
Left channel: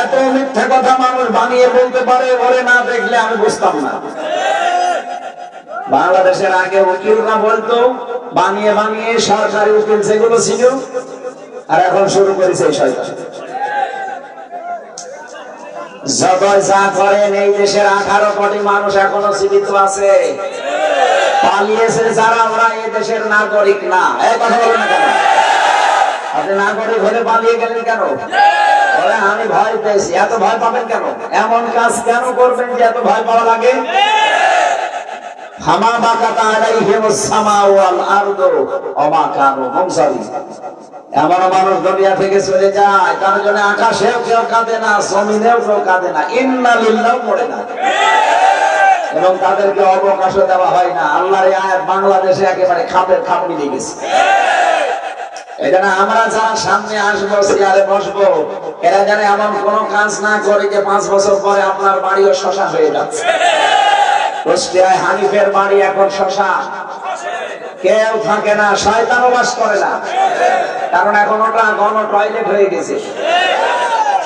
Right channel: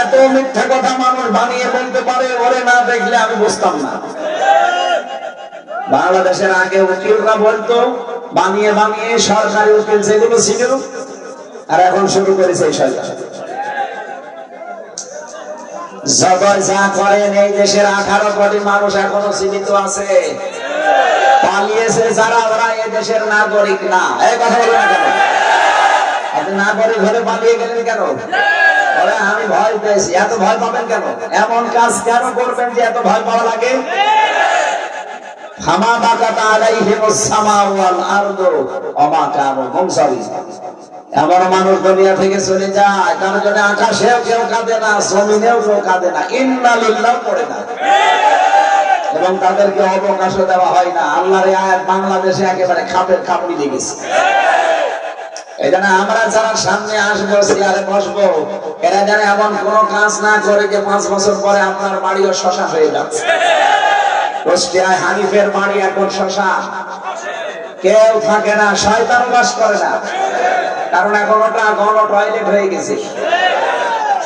এত মিথ্যা কথা মানুষ বানিয়ে বলতে পারে, ওরে না দেখলে আমি বুঝতাম না। বাংলাদেশের আগে উকিলরা বলতো বানিয়ে বানিয়ে, সরকারি উকিল যেগুলো ছিল, আর এখন শুরু করেছে এই সরকার। জগৎ যা করেন, এই দেশের 18 কোটি মানুষ এখনো জীবিত আছে। পালিয়েছে যারা, ওরা এই দেশের নাগরিক না। এই কথা বলেন না কেন? আপনি নাগরিক হলে পালিয়ে গেলেন কেন? আমি ভয় পেয়েছি। এত ভয় পাবেন কেন? এমন কাজ কেন করবেন যে এত ভয় পাওয়া লাগে? এমন মানুষ দুনিয়া থেকে চলে যায়, তার জন্য আকাশেও কেউ কাঁদে না, জমিনেও কেউ কাঁদে না, ইন্না লিল্লাহ পড়ে না, এবং তাদেরকে অবকাশও দেওয়া হয় না। আল্লাহর আয়াত বাংলাদেশে একেবারে খাপ মিলে গেছে। এখানে আমরা যারা সামনে আসবো, চেয়ারে বসবো, এরা যেন এমন কোন কাজ না করে যে 5 বছর পরে আপনার বাড়িও শশা হয়ে যাচ্ছে। কুষ্টিয়ায় হানিফের বাড়ি এখন শশা, কেউ থাকে না, শয়তানও বাস করে না, কারণ এখন ওটা গণ টয়লেট হয়ে গেছে।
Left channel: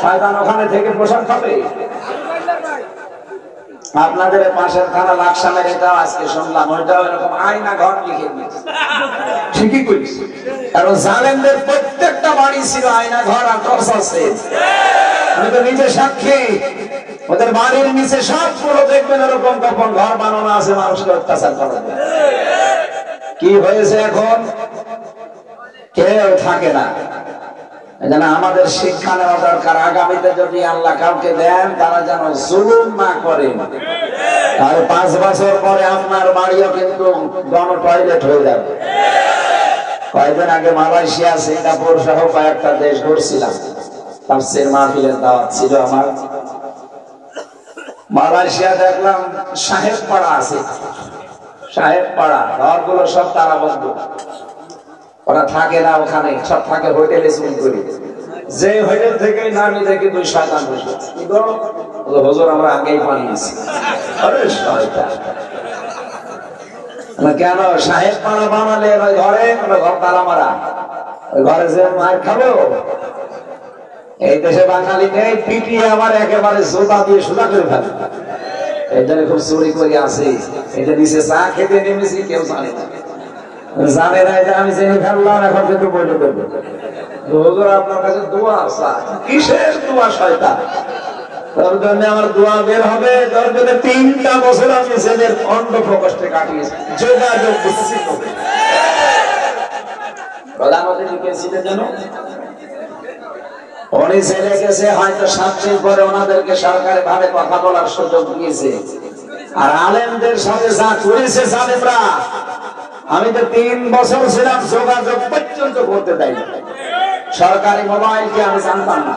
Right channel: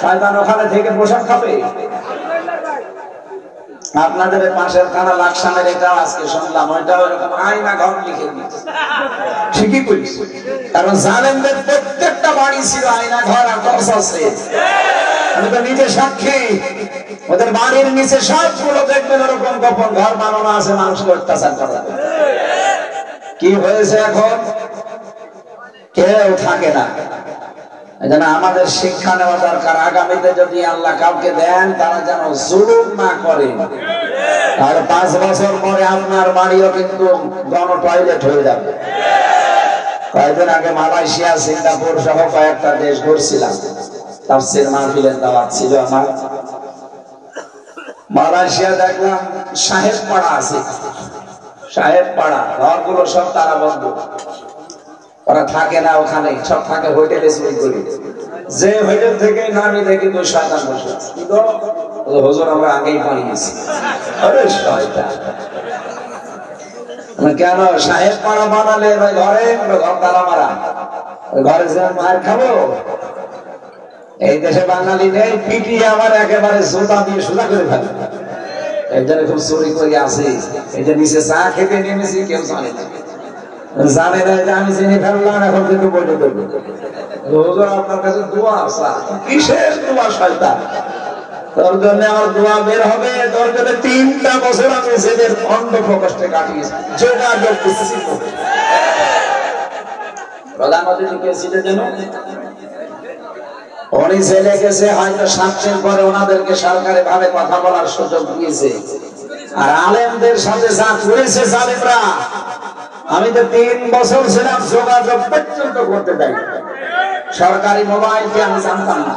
শয়তান ওখানে থেকে পোশাক খাবে। আপনাদের পাশের থানা লাকসামের এটাও আজকে শুনলাম, ওইটাও এরকম আয়না ঘর লিখে দিয়েছে। ঠিকই করিস, কারণ জালেমদের প্রত্যেকটা বাড়ি ছিল আয়না ঘর আর টর্চার সেল। আমি তো নিজে সাক্ষী। ওদের বাড়ির নিচে সবগুলো দেখবেন এরকম গোপন ঘর বানানো আছে, মানুষকে অত্যাচার করা। কি হয়েছে এখন? কেউ থাকে না। এজন্য আমাদের শিক্ষা নেওয়া দরকার। আগামীতে যদি আল্লাহ কাউকে দেন, তারা যেন জুলুম না করে। আর 5 বছর পরে আপনার বাড়িও কিন্তু গণ টয়লেট হয়ে যাবে। কয়েকদিন আগে মালয়েশিয়া, সিঙ্গাপুর সহ কয়েকটা দেশ ঘুরছিলাম। তাফসীর মাহফিলের দাওয়াত ছিল আমার। মালয়েশিয়া দেখলাম সাহেব পাড়া আছে, সাহেব পাড়া, ঘরগুলো সব তারা বন্ধ। ওরা থাকে না ওখানে, সব থাকে হোটেলে চুরি করে। যে হোটেল থেকে নামি দেখি 2 শয়তান বসে। হুজুর আমরা আগেই পালিয়েছি। আরে শয়তান! কেন সাহেব পাড়া বানালে ঘরে ঘর তালা মারা, ঘরে যে মায়ের খাবো? এই দেশে বাঙালি নেই, পিটিয়ে আমার একেবারে জোতা দিয়ে সোজা করে ফেলে। এই জন্য খুব চুরি করে আসে। এই যে নিচে চা খেতে নেমেছি, কেউ জানে না, জানে না যে আমি জেনে ফেললাম। এখন কিন্তু বলে করবে, হুজুর আপনার কাছে দোয়া আছে। কিসের দোয়া শয়তান? তোর জন্য আমার দোয়া বের হবে। তোর জন্য 3টা বছর আমি জেলের অন্ধ প্রকোষ্ঠে কাটিয়েছি, যোগাযোগ বিচ্ছিন্ন। প্রধানমন্ত্রী লিখেছিলেন যেন উনি জেলে গেছে, হয়তো 7 পরে ওনাদেরকে সরকারি ভাবে কথা বলার সুযোগ দিয়েছে। আর আলেমদের সাথে যা করেছে জালেমরা, আমি তো 3 বছর ছিলাম, যোগাযোগ পর্যন্ত করতে দেয়। সরকারি মোবাইল কি আমি জানতাম না।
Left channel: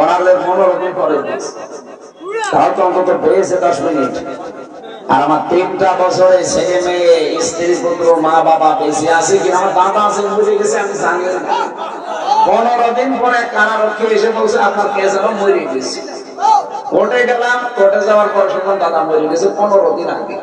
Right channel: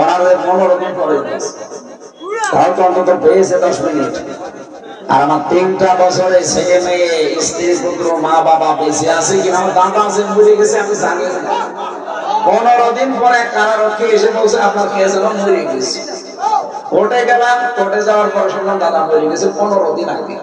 ওনাদের 15 দিন পরে তাও তো অন্তত পেয়েছে 10 মিনিট। আর আমার 3টা বছরে ছেলে মেয়ে, স্ত্রী পুত্র, মা বাবা বেঁচে আছে কি আমার দাদা আছেন বুঝে গেছে, আমি জানি না। 15 দিন পরে কারারক্ষী এসে বলছে আপনার কে যেন মরে গেছে। কোর্টে গেলাম, কোর্টে যাওয়ার পর শুনলাম দাদা মরে গেছে 15 দিন আগে।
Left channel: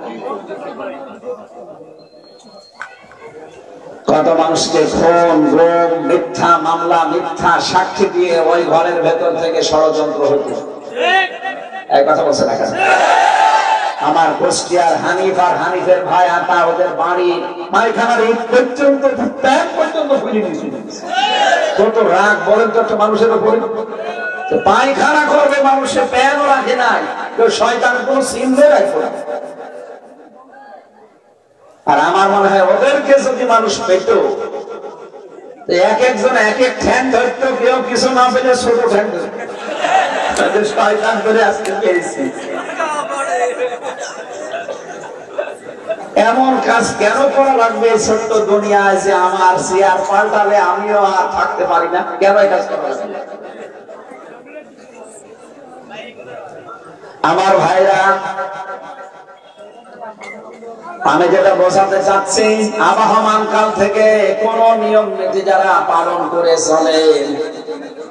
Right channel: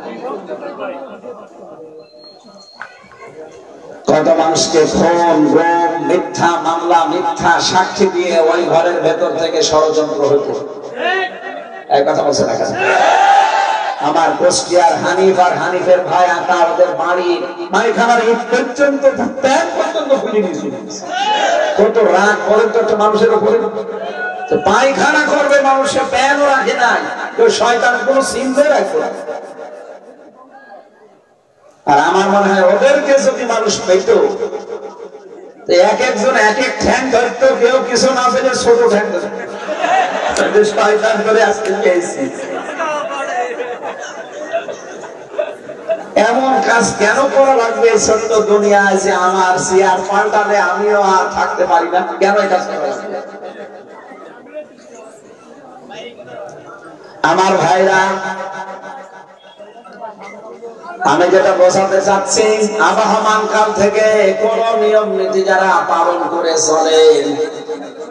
কত মানুষকে খুন, গুম, মিথ্যা মামলা, মিথ্যা সাক্ষী দিয়ে ওই ঘরের ভেতর থেকে ষড়যন্ত্র হতো। এক কথা বলছে না কেন? আমার কুষ্টিয়ার হানিফ আর হানিফের ভাই আতা, ওদের বাড়ি পায়খানার ইট পর্যন্ত, প্যান পর্যন্ত খুলে নিয়েছিল। কত রাগ বলেন তো একটা মানুষের উপরে? পায়খানা করবে মানুষের, প্যানও রাখে নাই। তো শয়তানের কোন চিহ্ন রাখবে না। আর আমার মনে হয় ওদেরকে যদি মানুষ পেত, এক একজন এক এক ঠ্যাং ধরতো, কেউ কিছু না পেলে ছোট ঠ্যাং ধরতো। শয়তান করে আজকে পেয়েছি। এমন কাজ কেন করা লাগবে এই ছোট্ট দুনিয়ায় যে আমার চেয়ার পাল্টালে আমিও আর থাকতে পারি না? কেন এই কাজ করা লাগবে? আমার ভাইরা, আমি যেটা বোঝাতে চাচ্ছি, আবহমান কাল থেকে কোন নিয়ম নীতি যারা পালন করে চলেন,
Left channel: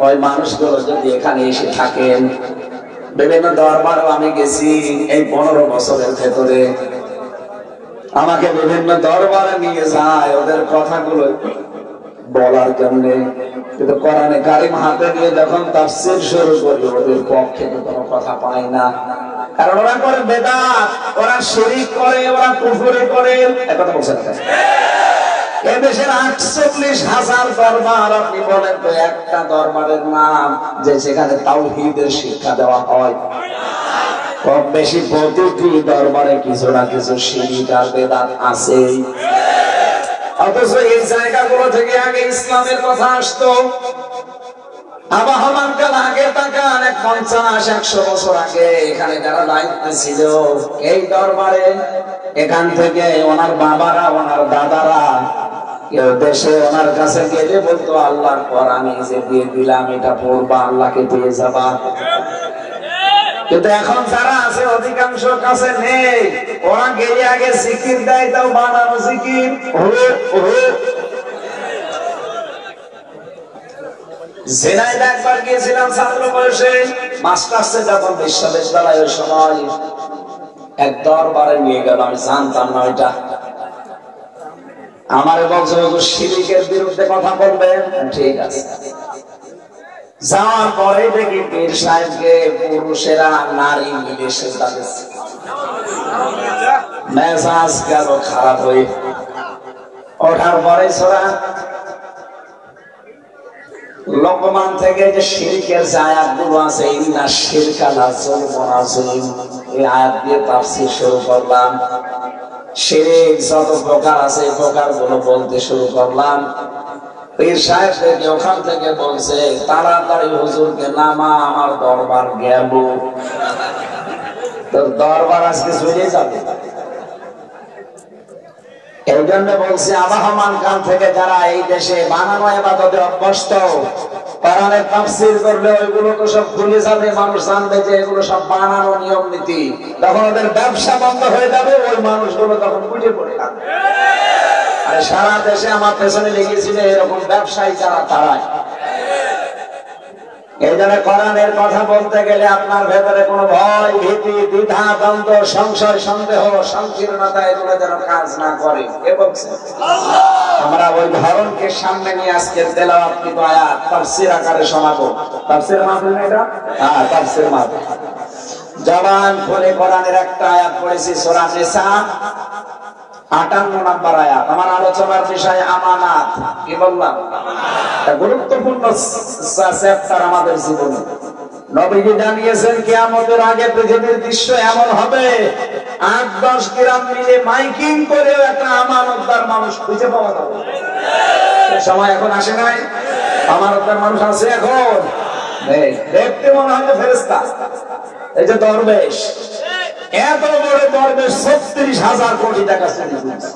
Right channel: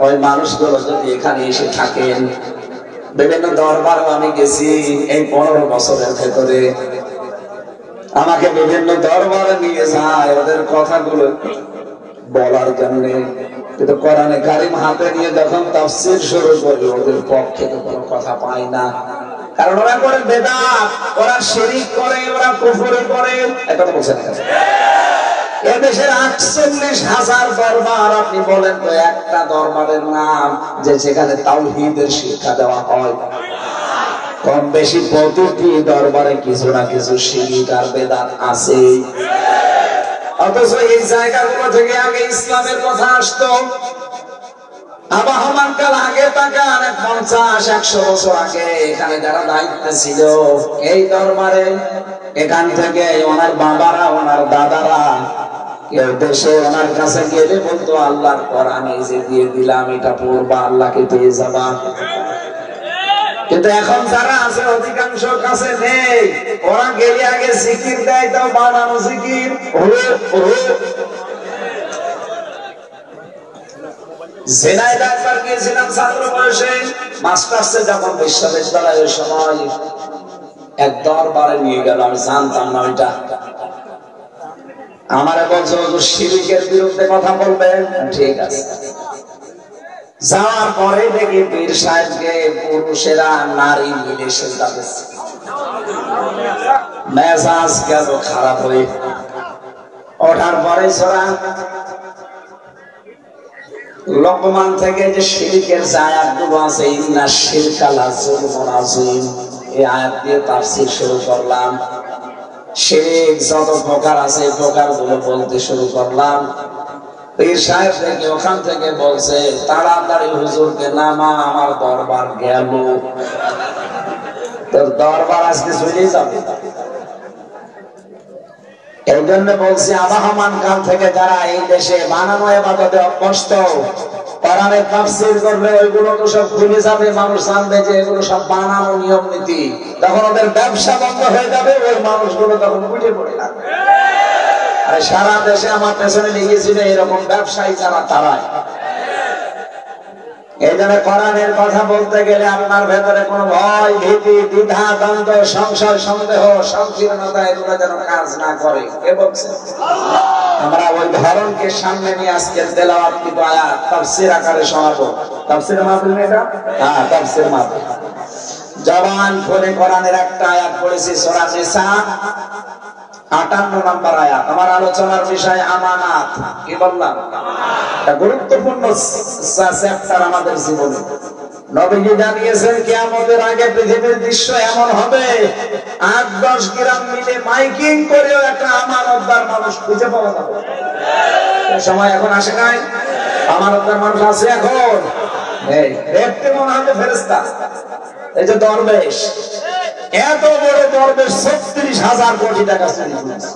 ওই মানুষগুলো যদি এখানে এসে থাকেন, বিভিন্ন দরবারও আমি গেছি এই 15 বছরের ভেতরে, আমাকে বিভিন্ন দরবারে নিয়ে যায় ওদের কথাগুলো বলার জন্য, কিন্তু কোরআনে কারিম হাতে নিয়ে যখন তাফসীর শুরু করি ওদের পক্ষে কোনো কথা পাই না। কারণ ওরা করে বেদাত, ওরা শিরক করে, ওরা কুফরি করে। কথা বলছেন এদেশের 48,000 দরবার, আপনি বলেন তো একটা দরবারের নাম যে সেখানে তাওহীদের শিক্ষা দেওয়া হয়? কম বেশি প্রতিটি দরবারে কিছু না কিছু শিরক আর বেদাত আছে। অথচ এই জায়গাগুলো থেকে আগে ইসলামের কথা আসতো। আবহমান কাল আগে তাকান, 50-100 বছর আগে এখানে যারা দায়িত্বে ছিল এই দরবারে, এখান থেকে ওনার বাবারা, ওনার দাদারা কেউ দেশে ওনার কাছে গেলে বলতো আল্লাহর কোরআন এই যে দিয়ে দিলাম, এটা পড়বা, আল্লাহকে পেয়ে যাবা। কিন্তু এখন যারা আছে অধিকাংশ কাছে নেই, ওরা গেলে আগে জিকির দেয়, তাও বানানো জিকির। জেনাইদা একবার গিয়েছিলাম ছাত্র বয়সে, মাস্টার্সে যখন বিশ্ববিদ্যালয়ের সময়, এক দরবারে নিয়ে গেল, আমি জানতাম না ওইটা। আমারে বলছে হুজুর শিরকের বিরুদ্ধে কথা বলবেন, ঠিক আছে। যাওয়ার পরে দেখি পীর সাহেবকে পুরুষেরা নারী মিলে সেজদা দিচ্ছে। মেজাজ গেল খারাপ হয়ে। ওঠার পরে সোরা লোকমান থেকে যে শিরকের যে আয়াতগুলো আছে, ইন্না শিরকা লাযুলমুন আযীম, এই আয়াত দিয়ে তাফসীর শুরু করলাম। শিরক যত প্রকার আছে এই প্রকারগুলো বলতে শুরু করলাম। পীর সাহেব থেকে ওখান থেকে বলছে তাড়াতাড়ি হুজুরকে নামা, আমার দরবার গেল। তোর দরবার আজকে চলে যাবে। এই জন্য বলছি আবহমান কাল থেকে যারা এই দেশে বানানো ইবাদতে অভ্যস্ত, কোরআনের তাফসীর করলে ওইগুলো তো সব ভুলে যাবে, মানুষ জানবে যে এগুলো সব বানানো নিয়ম নীতি। তখন ওদের ব্যবসা বন্ধ হয়ে যাবে, ওই মানুষগুলো তখন বুঝে পড়ে থাকবে। আরে সারা দেশে আমার পেছনে লেগেছিল এরকম ব্যবসায়ী যারা, তারাই। এই জন্য কোরআনের কথা বলতে গেলে আপনার ভেতরে কোনো ভয়, ভীতি, দ্বিধা, দ্বন্দ্ব, সংশয়, সন্দেহ, সংকীর্ণতা এগুলো যেন কাজ না করে। কে বলছে? আমরা ওই ধরনকে সামনে নিয়ে আজকের তেলাওয়াত আয়াত তাফসীর আকারে শোনাবো। তাফসীর মাহফিল এটা? হ্যাঁ, তাফসীর মাহফিল। জবান খুলে কোরআনের একটা আয়াত পড়েছি, সূরা নিসা 58 নম্বর আয়াত। আমার আলোচনার বিষয় আমানাত। কি বললাম? এটা গুরুত্বপূর্ণ চ্যাপ্টার আমাদের জীবনে। নবীজি জানিয়েছেন কিয়ামতের আগে পৃথিবীর দৃশ্য এমন হবে, 8-10 গ্রাম মিলে মাইকিং করেও একটা আমানতদার মানুষ খুঁজে পাওয়া যাবে। সময় এখন আসে নাই? আমানতদার মানুষ আছে এখন? দেখতে মনে হবে ফেরেশতা। এই যে দরবেশ, এত বড় দরবেশ 36,000 কোটি টাকা চুরি করেছে।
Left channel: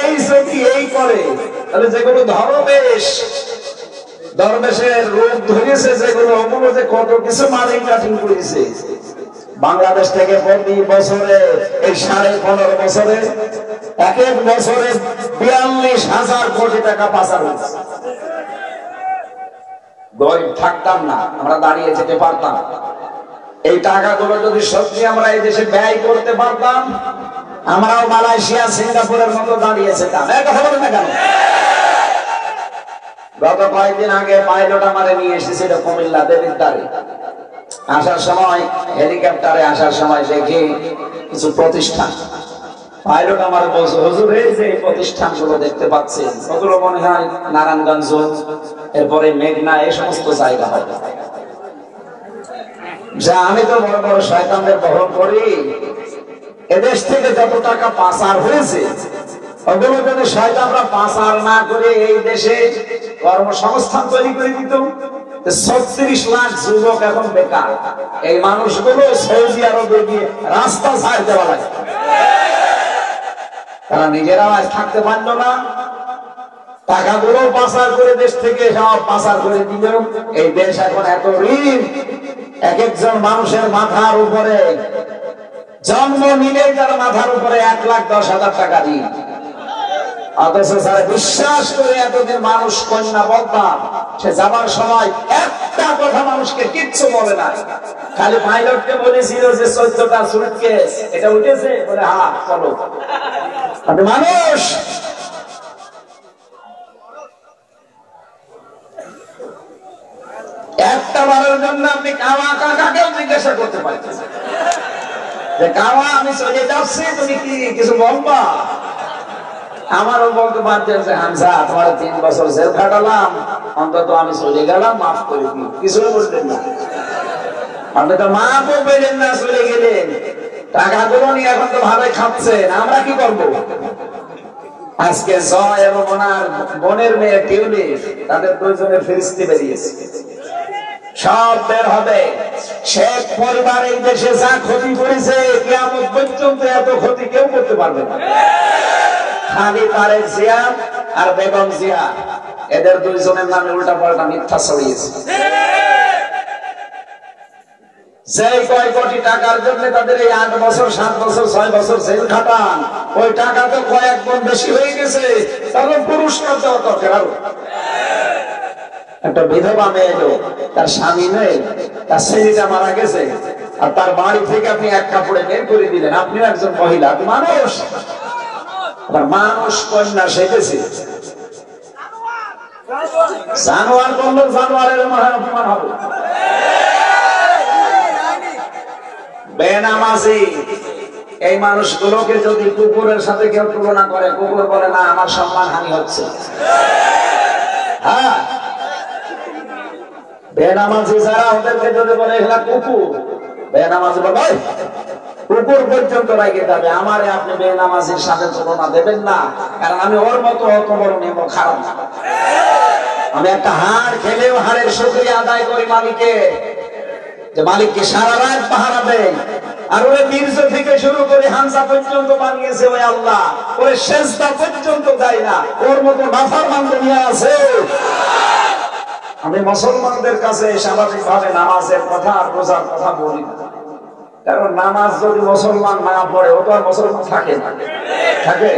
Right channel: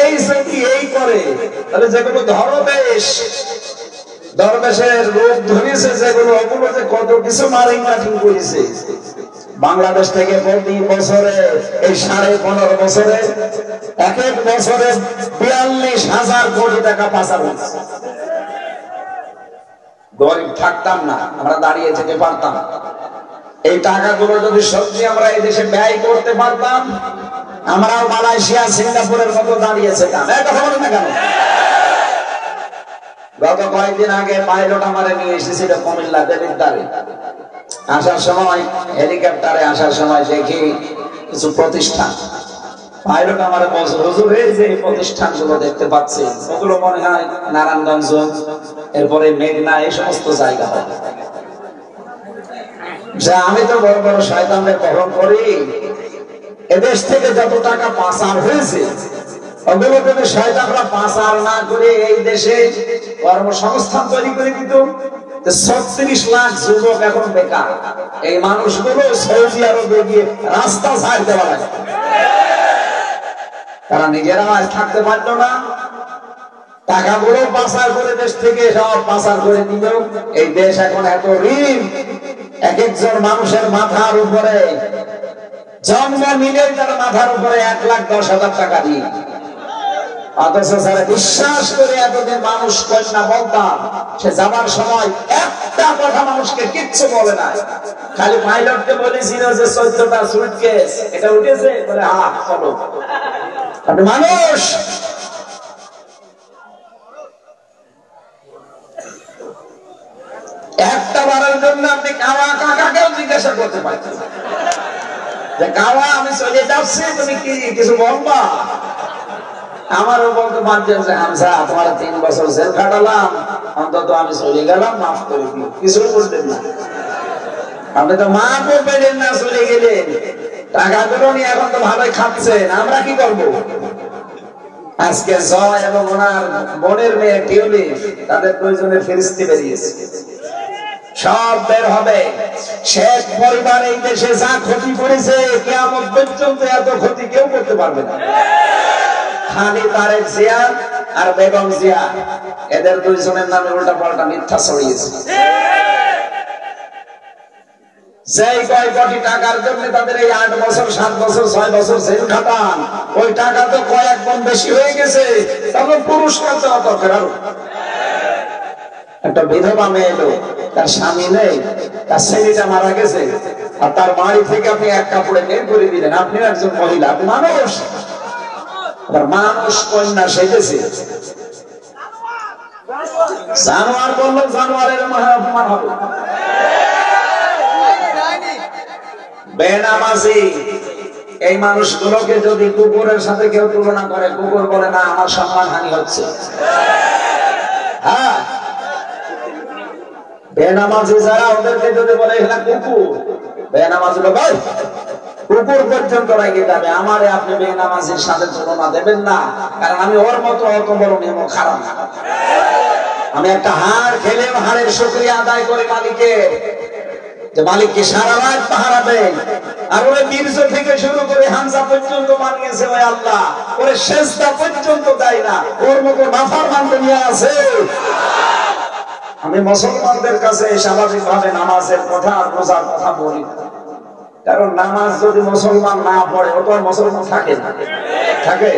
এই যদি এই করে, তাহলে যেগুলো দরবেশের রূপ ধরেছে, যেগুলো অপরাধে কত কিছু মারিং কাটিং করেছে। বাংলাদেশ থেকে প্রতি বছরে এই 15.5 বছরে এক বছরে 42,000 কোটি টাকা পাচার হয়েছে। গরিব থাকতাম না, আমরা দাঁড়িয়ে যেতে পারতাম। এই টাকাগুলো যদি সত্যি আমরা এই দেশে ব্যয় করতে পারতাম, আমরাও মালয়েশিয়া, সিঙ্গাপুরের মতো দাঁড়িয়ে যেতাম। কথা বলে না কেন? গত কয়েকদিন আগে পাইলট আমারে নিয়ে এসেছিল কুমিল্লা দেবিদ্বারে। আসার সময় হেলিকপ্টারে আসার সময় দেখি কিছু প্রতিষ্ঠান। পাইলট আমার বলছে, হুজুর এই যে প্রতিষ্ঠানগুলো দেখতে পাচ্ছি, ওগুলো মনে হয় নারায়ণগঞ্জ, এরপরে মেঘনা, এই সমস্ত জায়গা হয়। যে আমি তো বড় বড় শয়তানদের বহন করি, এদেশ থেকে যত টাকা পাচার হয়েছে ওগুলো যদি শয়তানরা পাচার না করে এই দেশে কর্মসংস্থান তৈরি করে দিত, 36 লাখ যুবক এখন বেকার। এই মানুষগুলো সৌদি আরবে গিয়ে রাস্তা ছাড় দেওয়া লাগে। তারা নিজেরা থাকতে পারলো না, টাকাগুলো পাচার করে দেশ থেকে সব পাচার করে দিল। এই দেশ এখন এত ঋণ, এক একজন মানুষের মাথার উপরে জন্ম নিলেই তার মাথার উপরে 1,10,000 টাকা ঋণ। অথচ স্যার বিশ্বাস করে এতদিন মানুষ কন্যা বলতাম, সে যাবার সময় একটা কথা মানুষকে কিচ্ছু বলে না, খালি পাইলটকে বলেছিল যে 14টা সুটকেস এটা উঠেছে, বলে হ্যাঁ চলো। আপনি মানুষ একটা বারের জন্য আপনি কাওয়া কাকাকেও জিজ্ঞাসা করতে পারছেন যে কাওয়া আমি চলে যাচ্ছি, তুমি কি কিছু বলবা? আমারও বলতে পারছেন যে হামজা তোমার 3 বছর জেল খাটালাম, অন্তত আমি চলে গেলাম, মাফ করে দিই। কিছু বলতেন না, আপনি তো মাফও পেলেন না, চলে গেলেন। টাকাগুলো নিয়ে এখন তো ভালোই খাচ্ছেন, আমরা কি করবো? আজকে জয় এবং ওনার বোনের মেয়ে টিউলিপ, তাদের 2 জনের ফেরিস্তি বেরিয়েছে, সব বের হবে। শেখ পরিবার এই দেশে যা ক্ষতি করেছে, কিয়ামত পর্যন্ত এত ক্ষতি কেউ করতে পারবে না। খালি তারেক জিয়া আর বেগম জিয়া, এদের 2 জনের নামে উল্টা পাল্টা মিথ্যা ছড়িয়েছে। যেই কয় কোটি টাকার জন্য তাদের এই 8 বছর 7 বছর 6 বছর জেল খাটান, ওই টাকা তো কয়েক গুণ বেশি হয়ে গেছে। তখন পুরস্কার দেওয়া দরকার। আরো একটা বিধবা মেয়ে এলো, তার স্বামী নেই, তার ছেলেটা মারা গেছে, আর তার বাড়ি থেকে আপনি এক কাপড়ে বের করে দিলেন। আপনিও একজন মহিলা, আপনি মানুষ, মানুষ কন্যা সেজেছে। জানোয়ার বললো, জানোয়ারের অপমান হবে। বেনামাজি এই মানুষগুলোকে যদি কুকুরের সাথে কেউ তুলনা করে, কুকুর বলে না আমার সম্মান হানি হচ্ছে। হ্যাঁ, বেনামাজি যারা, ওদেরকে যদি বলে এখানে কুকুর, বেনামাজি ভাই কুকুর পর্যন্ত লাগিয়ে যাবে। আমারে আপনি বেনামাজির সাথে তুলনা দেবেন না, কারণ আমি ওর মতো অত বড় নেমো খারাপ না। আমি একটা হাড় খেলেও হাড়ের শুকরিয়া আদায় করি মালিকের, যে মালিককে সারা রাত পাহারা দেয়। আর ওই বীর্য থেকে শুরু করে হামজা পর্যন্ত বানিয়েছে ওই আল্লাহ, ওর সেজদা পর্যন্ত দেয় না। ওর মতো নাফরমান দুনিয়া আছে? আমি মুসলমানদের কাছে স্বাভাবিক ভাবে নামাজের কথা আর রোজার কথা বলি, কারণ নামাজ যদি মুসলমান না পড়ে, ও তো আর মুসলমান থাকে না। থাকে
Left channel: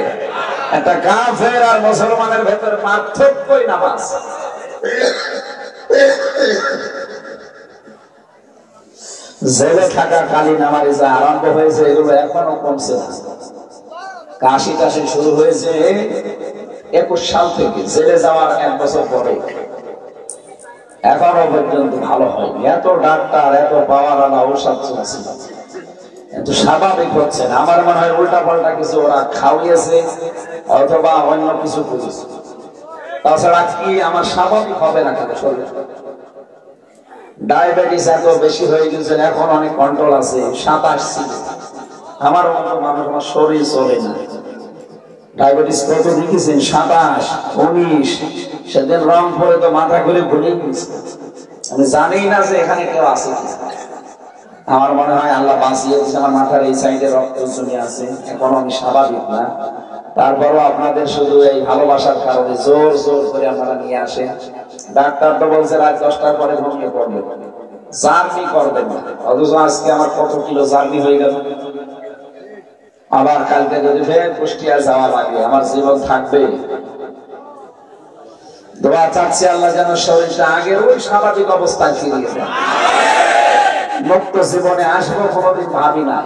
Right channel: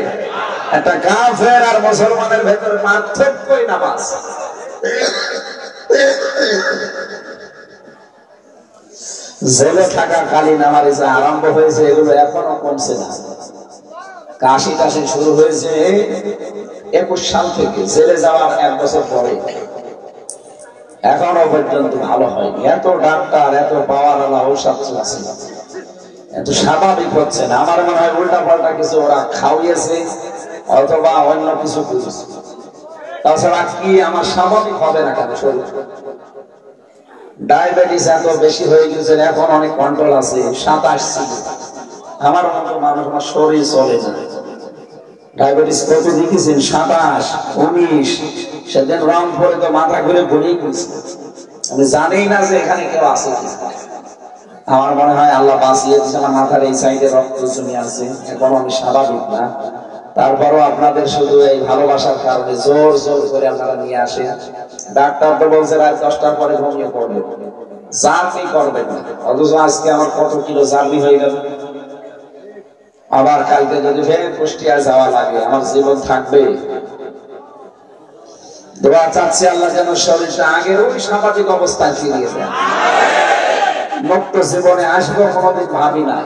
একটা কাফের আর মুসলমানের ভেতরে পার্থক্যই নামাজ। জেলে থাকা কালীন আমার যে আরম্ভ হয়েছে, এগুলো এখনো কমছে না। কাশি টাশি শুরু হয়েছে 21 সাল থেকে, জেলে যাওয়ার 1 বছর পরে এখনো পর্যন্ত ভালো হয়নি। এত ডাক্তার, এত পাওয়ার আলা ঔষধ চলছে, এত স্বাভাবিক হচ্ছে না। আমার মনে হয় উল্টা পাল্টা কিছু ওরা খাওয়িয়েছে অথবা অন্য কিছু বুঝেছে। তাছাড়া কি আমার স্বাভাবিক হবে না কেন? শরীর ডায়াবেটিস এত বেশি হয়ে গেছে, এখন অনেক কন্ট্রোল আছে। 27 ছিল আমার মতো মানুষ, আমার শরীর চলে না। ডায়াবেটিস কত দেখেছেন? 27, 19। সেদিন রংপুরে তো মাথা ঘুরে ঘুরে গেছে, আমি জানি না যে এখানে কেউ আছে কি। আমার মনে হয় আল্লাহ বাঁচিয়েছে, আমার মাথার এই সাইডে রক্ত জমে আছে, এখন আমি স্বাভাবিক না। তারপরও আপনাদের শুধু এই ভালোবাসার কারণে জোর জোর করে আপনারা নিয়ে আসে। ডাক্তার তো বলছে রাত 10টার পরে ঘুমিয়ে পড়বে, জার্নি করবেন না। অথচ আজকে আমার কত কিলো জার্নি হয়ে গেল। আবার কালকে যদি ফের কুষ্টিয়ায় যাওয়া লাগে, আমার জীবন থাকবে? দোয়া চাচ্ছি আল্লাহ যেন শরীরটা আগের ওই স্বাভাবিক অবস্থায় ফিরিয়ে দেয়। মুক্ত জীবনে আসবো কোনোদিন ভাবি না।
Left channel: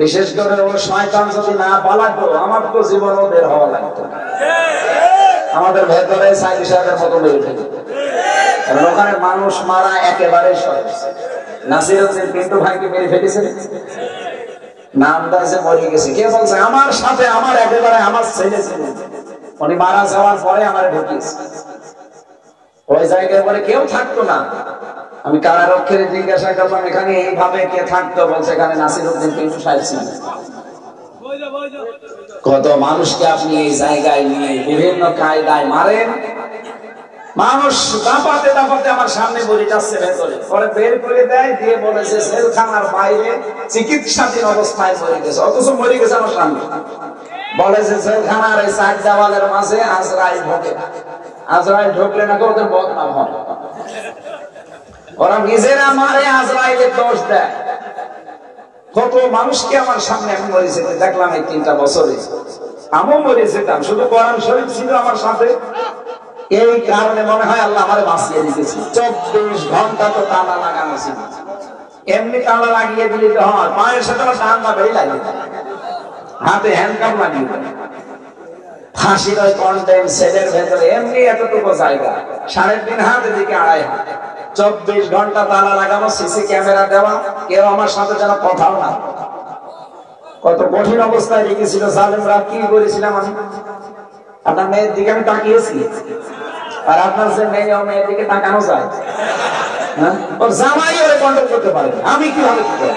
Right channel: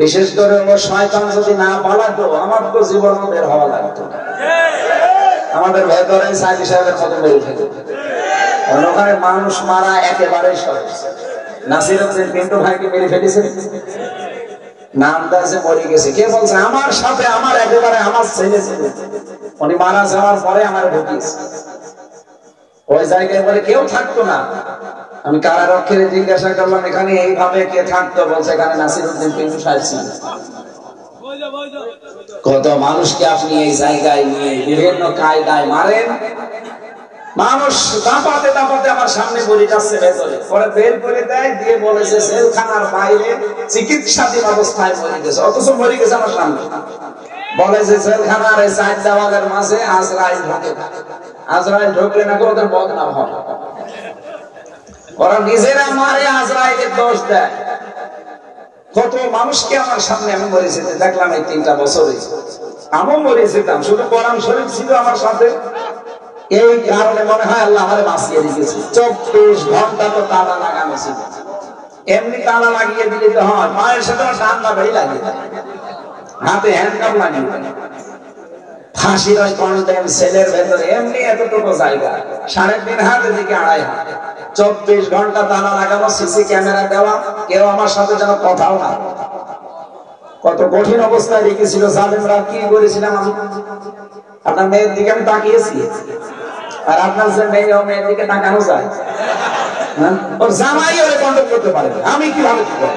বিশেষ করে ও শয়তান যদি না পালাতো, আমার তো জীবনও বের হওয়া লাগতো না। আমাদের ভেতরে সাইদি সাহেবের মতো মেরে ফেলে, কারণ ওখানে মানুষ মারা একেবারে সহজ। নাসিরুদ্দিন পিন্টু ভাইকে মেরে ফেলেছে, নাম দাসে মরে গেছে। কে বলছে? আমার সাথে আমার একেবারে আমার ছেলে ছিল, উনি মারা যাওয়ার পরে আমার ঢুকিয়েছে। ওই জায়গায় বলে কেউ থাকতো না। আমি কারারক্ষীরে জিজ্ঞাসা করলাম এখানে এইভাবে কে থাকতো? বলছে এখানে নাসিরুদ্দিন পিন্টু সাহেব ছিল। কত মানুষকে আপনি এই জায়গায় নিয়ে বিভিন্ন কায়দায় মারেন। মানুষ দাপাতে দাপাতে আমার সামনে বলে যাচ্ছে ভেতরে, পরে বের করে দেয়, দিয়ে বলেছে জেলখানার বাইরে চিকিৎসাধীন অবস্থায় মরে গেছে, অথচ মরে গেছে আমার সামনে। বলে যে জেলখানার এই সাইড দেওয়ালের মাঝে আজরাইল ঢোকে, আজরাইল ঢোকলে নাকি ওদের বদনাম হয়, ওরা নিজেরা মারে আজরাইলের দোষ দেয়। কত মানুষকে আমার সামনে আমি মরে যেতে দেখলাম এই 3টা বছরে, আমিও মরে যেতাম, শুধু কোরআন শরীফ ছিল আমার সাথে, এই কারণে মনে হয় আল্লাহ আমারে বাঁচিয়ে দিয়েছে। 24 ঘন্টা তো তালা লাগানো ছিল, এমনি তালা লাগিয়ে দিলে তো হয়, পায়ের সাথে টাঙ্গা বেড়ি লাগিয়ে দেয়, হাতে হ্যান্ডকাপ লাগিয়ে দেয়, ফাঁসির ওই কন্টেম সেলের ভেতরে এমনি এতটুকু জায়গা, 3.5 হাত এদিকে 2.5 হাত, 24 ঘন্টা তালা লাগানো, সিসি ক্যামেরা দেওয়া, কেউ আমার সাথে যেন কথাও না। কত কঠিন অবস্থায় রেখেছিল জালেমরা। কি করেছিলাম আমি? আপনার মেয়ের দিকে আমি তাকিয়েছি, আর আপনার যে মেয়ে ও মেয়ের দিকে তাকানো যায়, ওর জামাই ওরে কন্ট্রোল করতে পারে, আমি কিভাবে কি করব?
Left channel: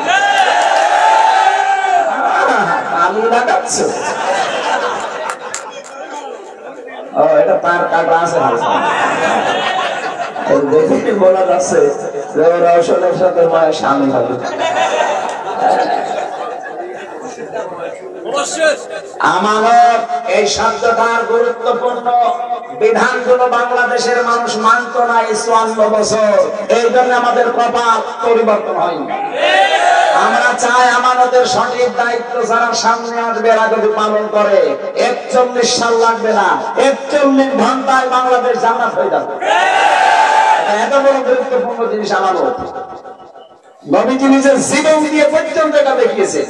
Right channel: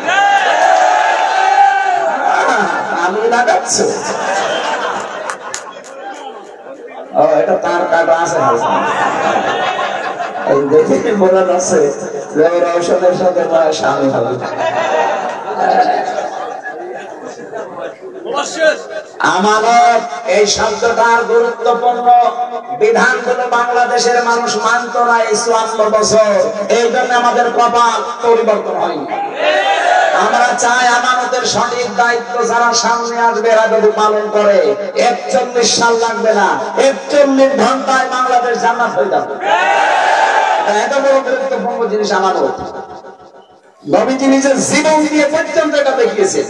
আমি লাগাচ্ছি, ও এটা তার কাটা আছে হালকা, দেখে বলা যাচ্ছে যে ওর ঔষধের সাথে মায়ের স্বামী হবে। আমানত এই শব্দটার গুরুত্বপূর্ণ বিধানগুলো বাংলাদেশের মানুষ মানত না এই 54 বছর, এই জন্য আমাদের কপাল পরিবর্তন হয়নি। আমরা চাই আমানতের সঠিক দায়িত্ব যারা সামনে আসবে এরা যদি পালন করে 41 সাল লাগবে না, 41 ঘন্টায় বাংলাদেশ জান্নাত হয়ে যাবে। এত বড় গুরুত্বপূর্ণ জিনিস আমানত। নবীজি নিজের জীবন দিয়ে পর্যন্ত এটা দেখিয়েছেন।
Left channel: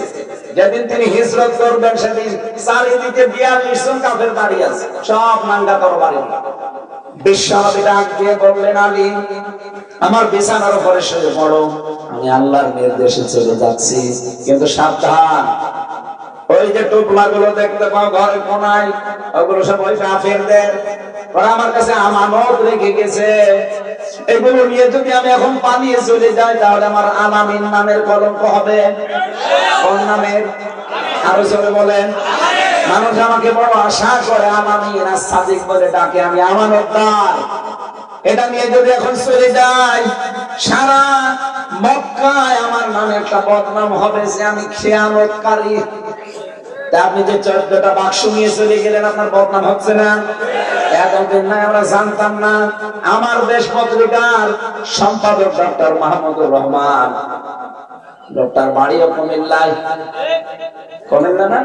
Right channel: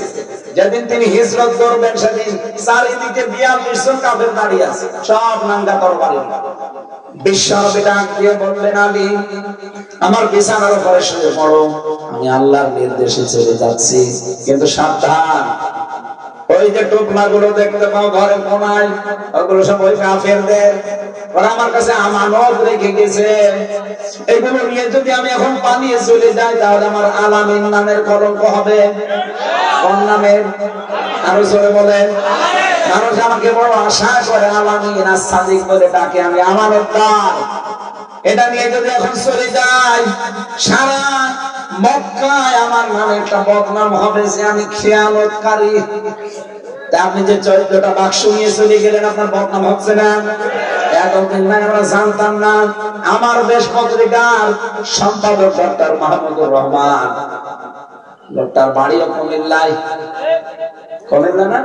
যেদিন তিনি হিজরত করবেন সেদিন চারিদিকে 42 জন কাফের দাঁড়িয়ে আছে, সব নাঙ্গা তরবারি। বিশ্বনবী ডাক দিয়ে বললেন, আলী আমার বিছানার উপরে শুয়ে পড়ো, আমি আল্লাহর নির্দেশে চলে যাচ্ছি, কিন্তু সাবধান, ওই যে টুকরা গুলো দেখতে পাও ঘরের কোনায়, ওগুলো সব ওই কাফেরদের, ওরা আমার কাছে আমানত রেখে গেছে, এগুলো নিয়ে যদি আমি এখন পালিয়ে চলে যাই তাহলে আমার আলামিন নামের কলঙ্ক হবে। কোন নামের? আরো জোরে বলেন। মানুষ আমাকে বড় আশা করে, আলামিন আর সাদিক বলে ডাকে, আমি আমানতদার। এটা নিয়ে যদি এখন চলে যাই সারা মক্কায় আমার নামে একটা বদনাম হবে যে আমি খেয়ানতকারী। আপনি যে 14টা বাক্স নিয়ে চলে গেলেন, আপনার বদনাম হচ্ছে না? এতদিন না আমরা জানতাম না। আমার দেশ পত্রিকার সম্পাদক ডক্টর মাহমুদুর রহমান, লোকটার বাড়িও কুমিল্লায়, কুমিল্লা না,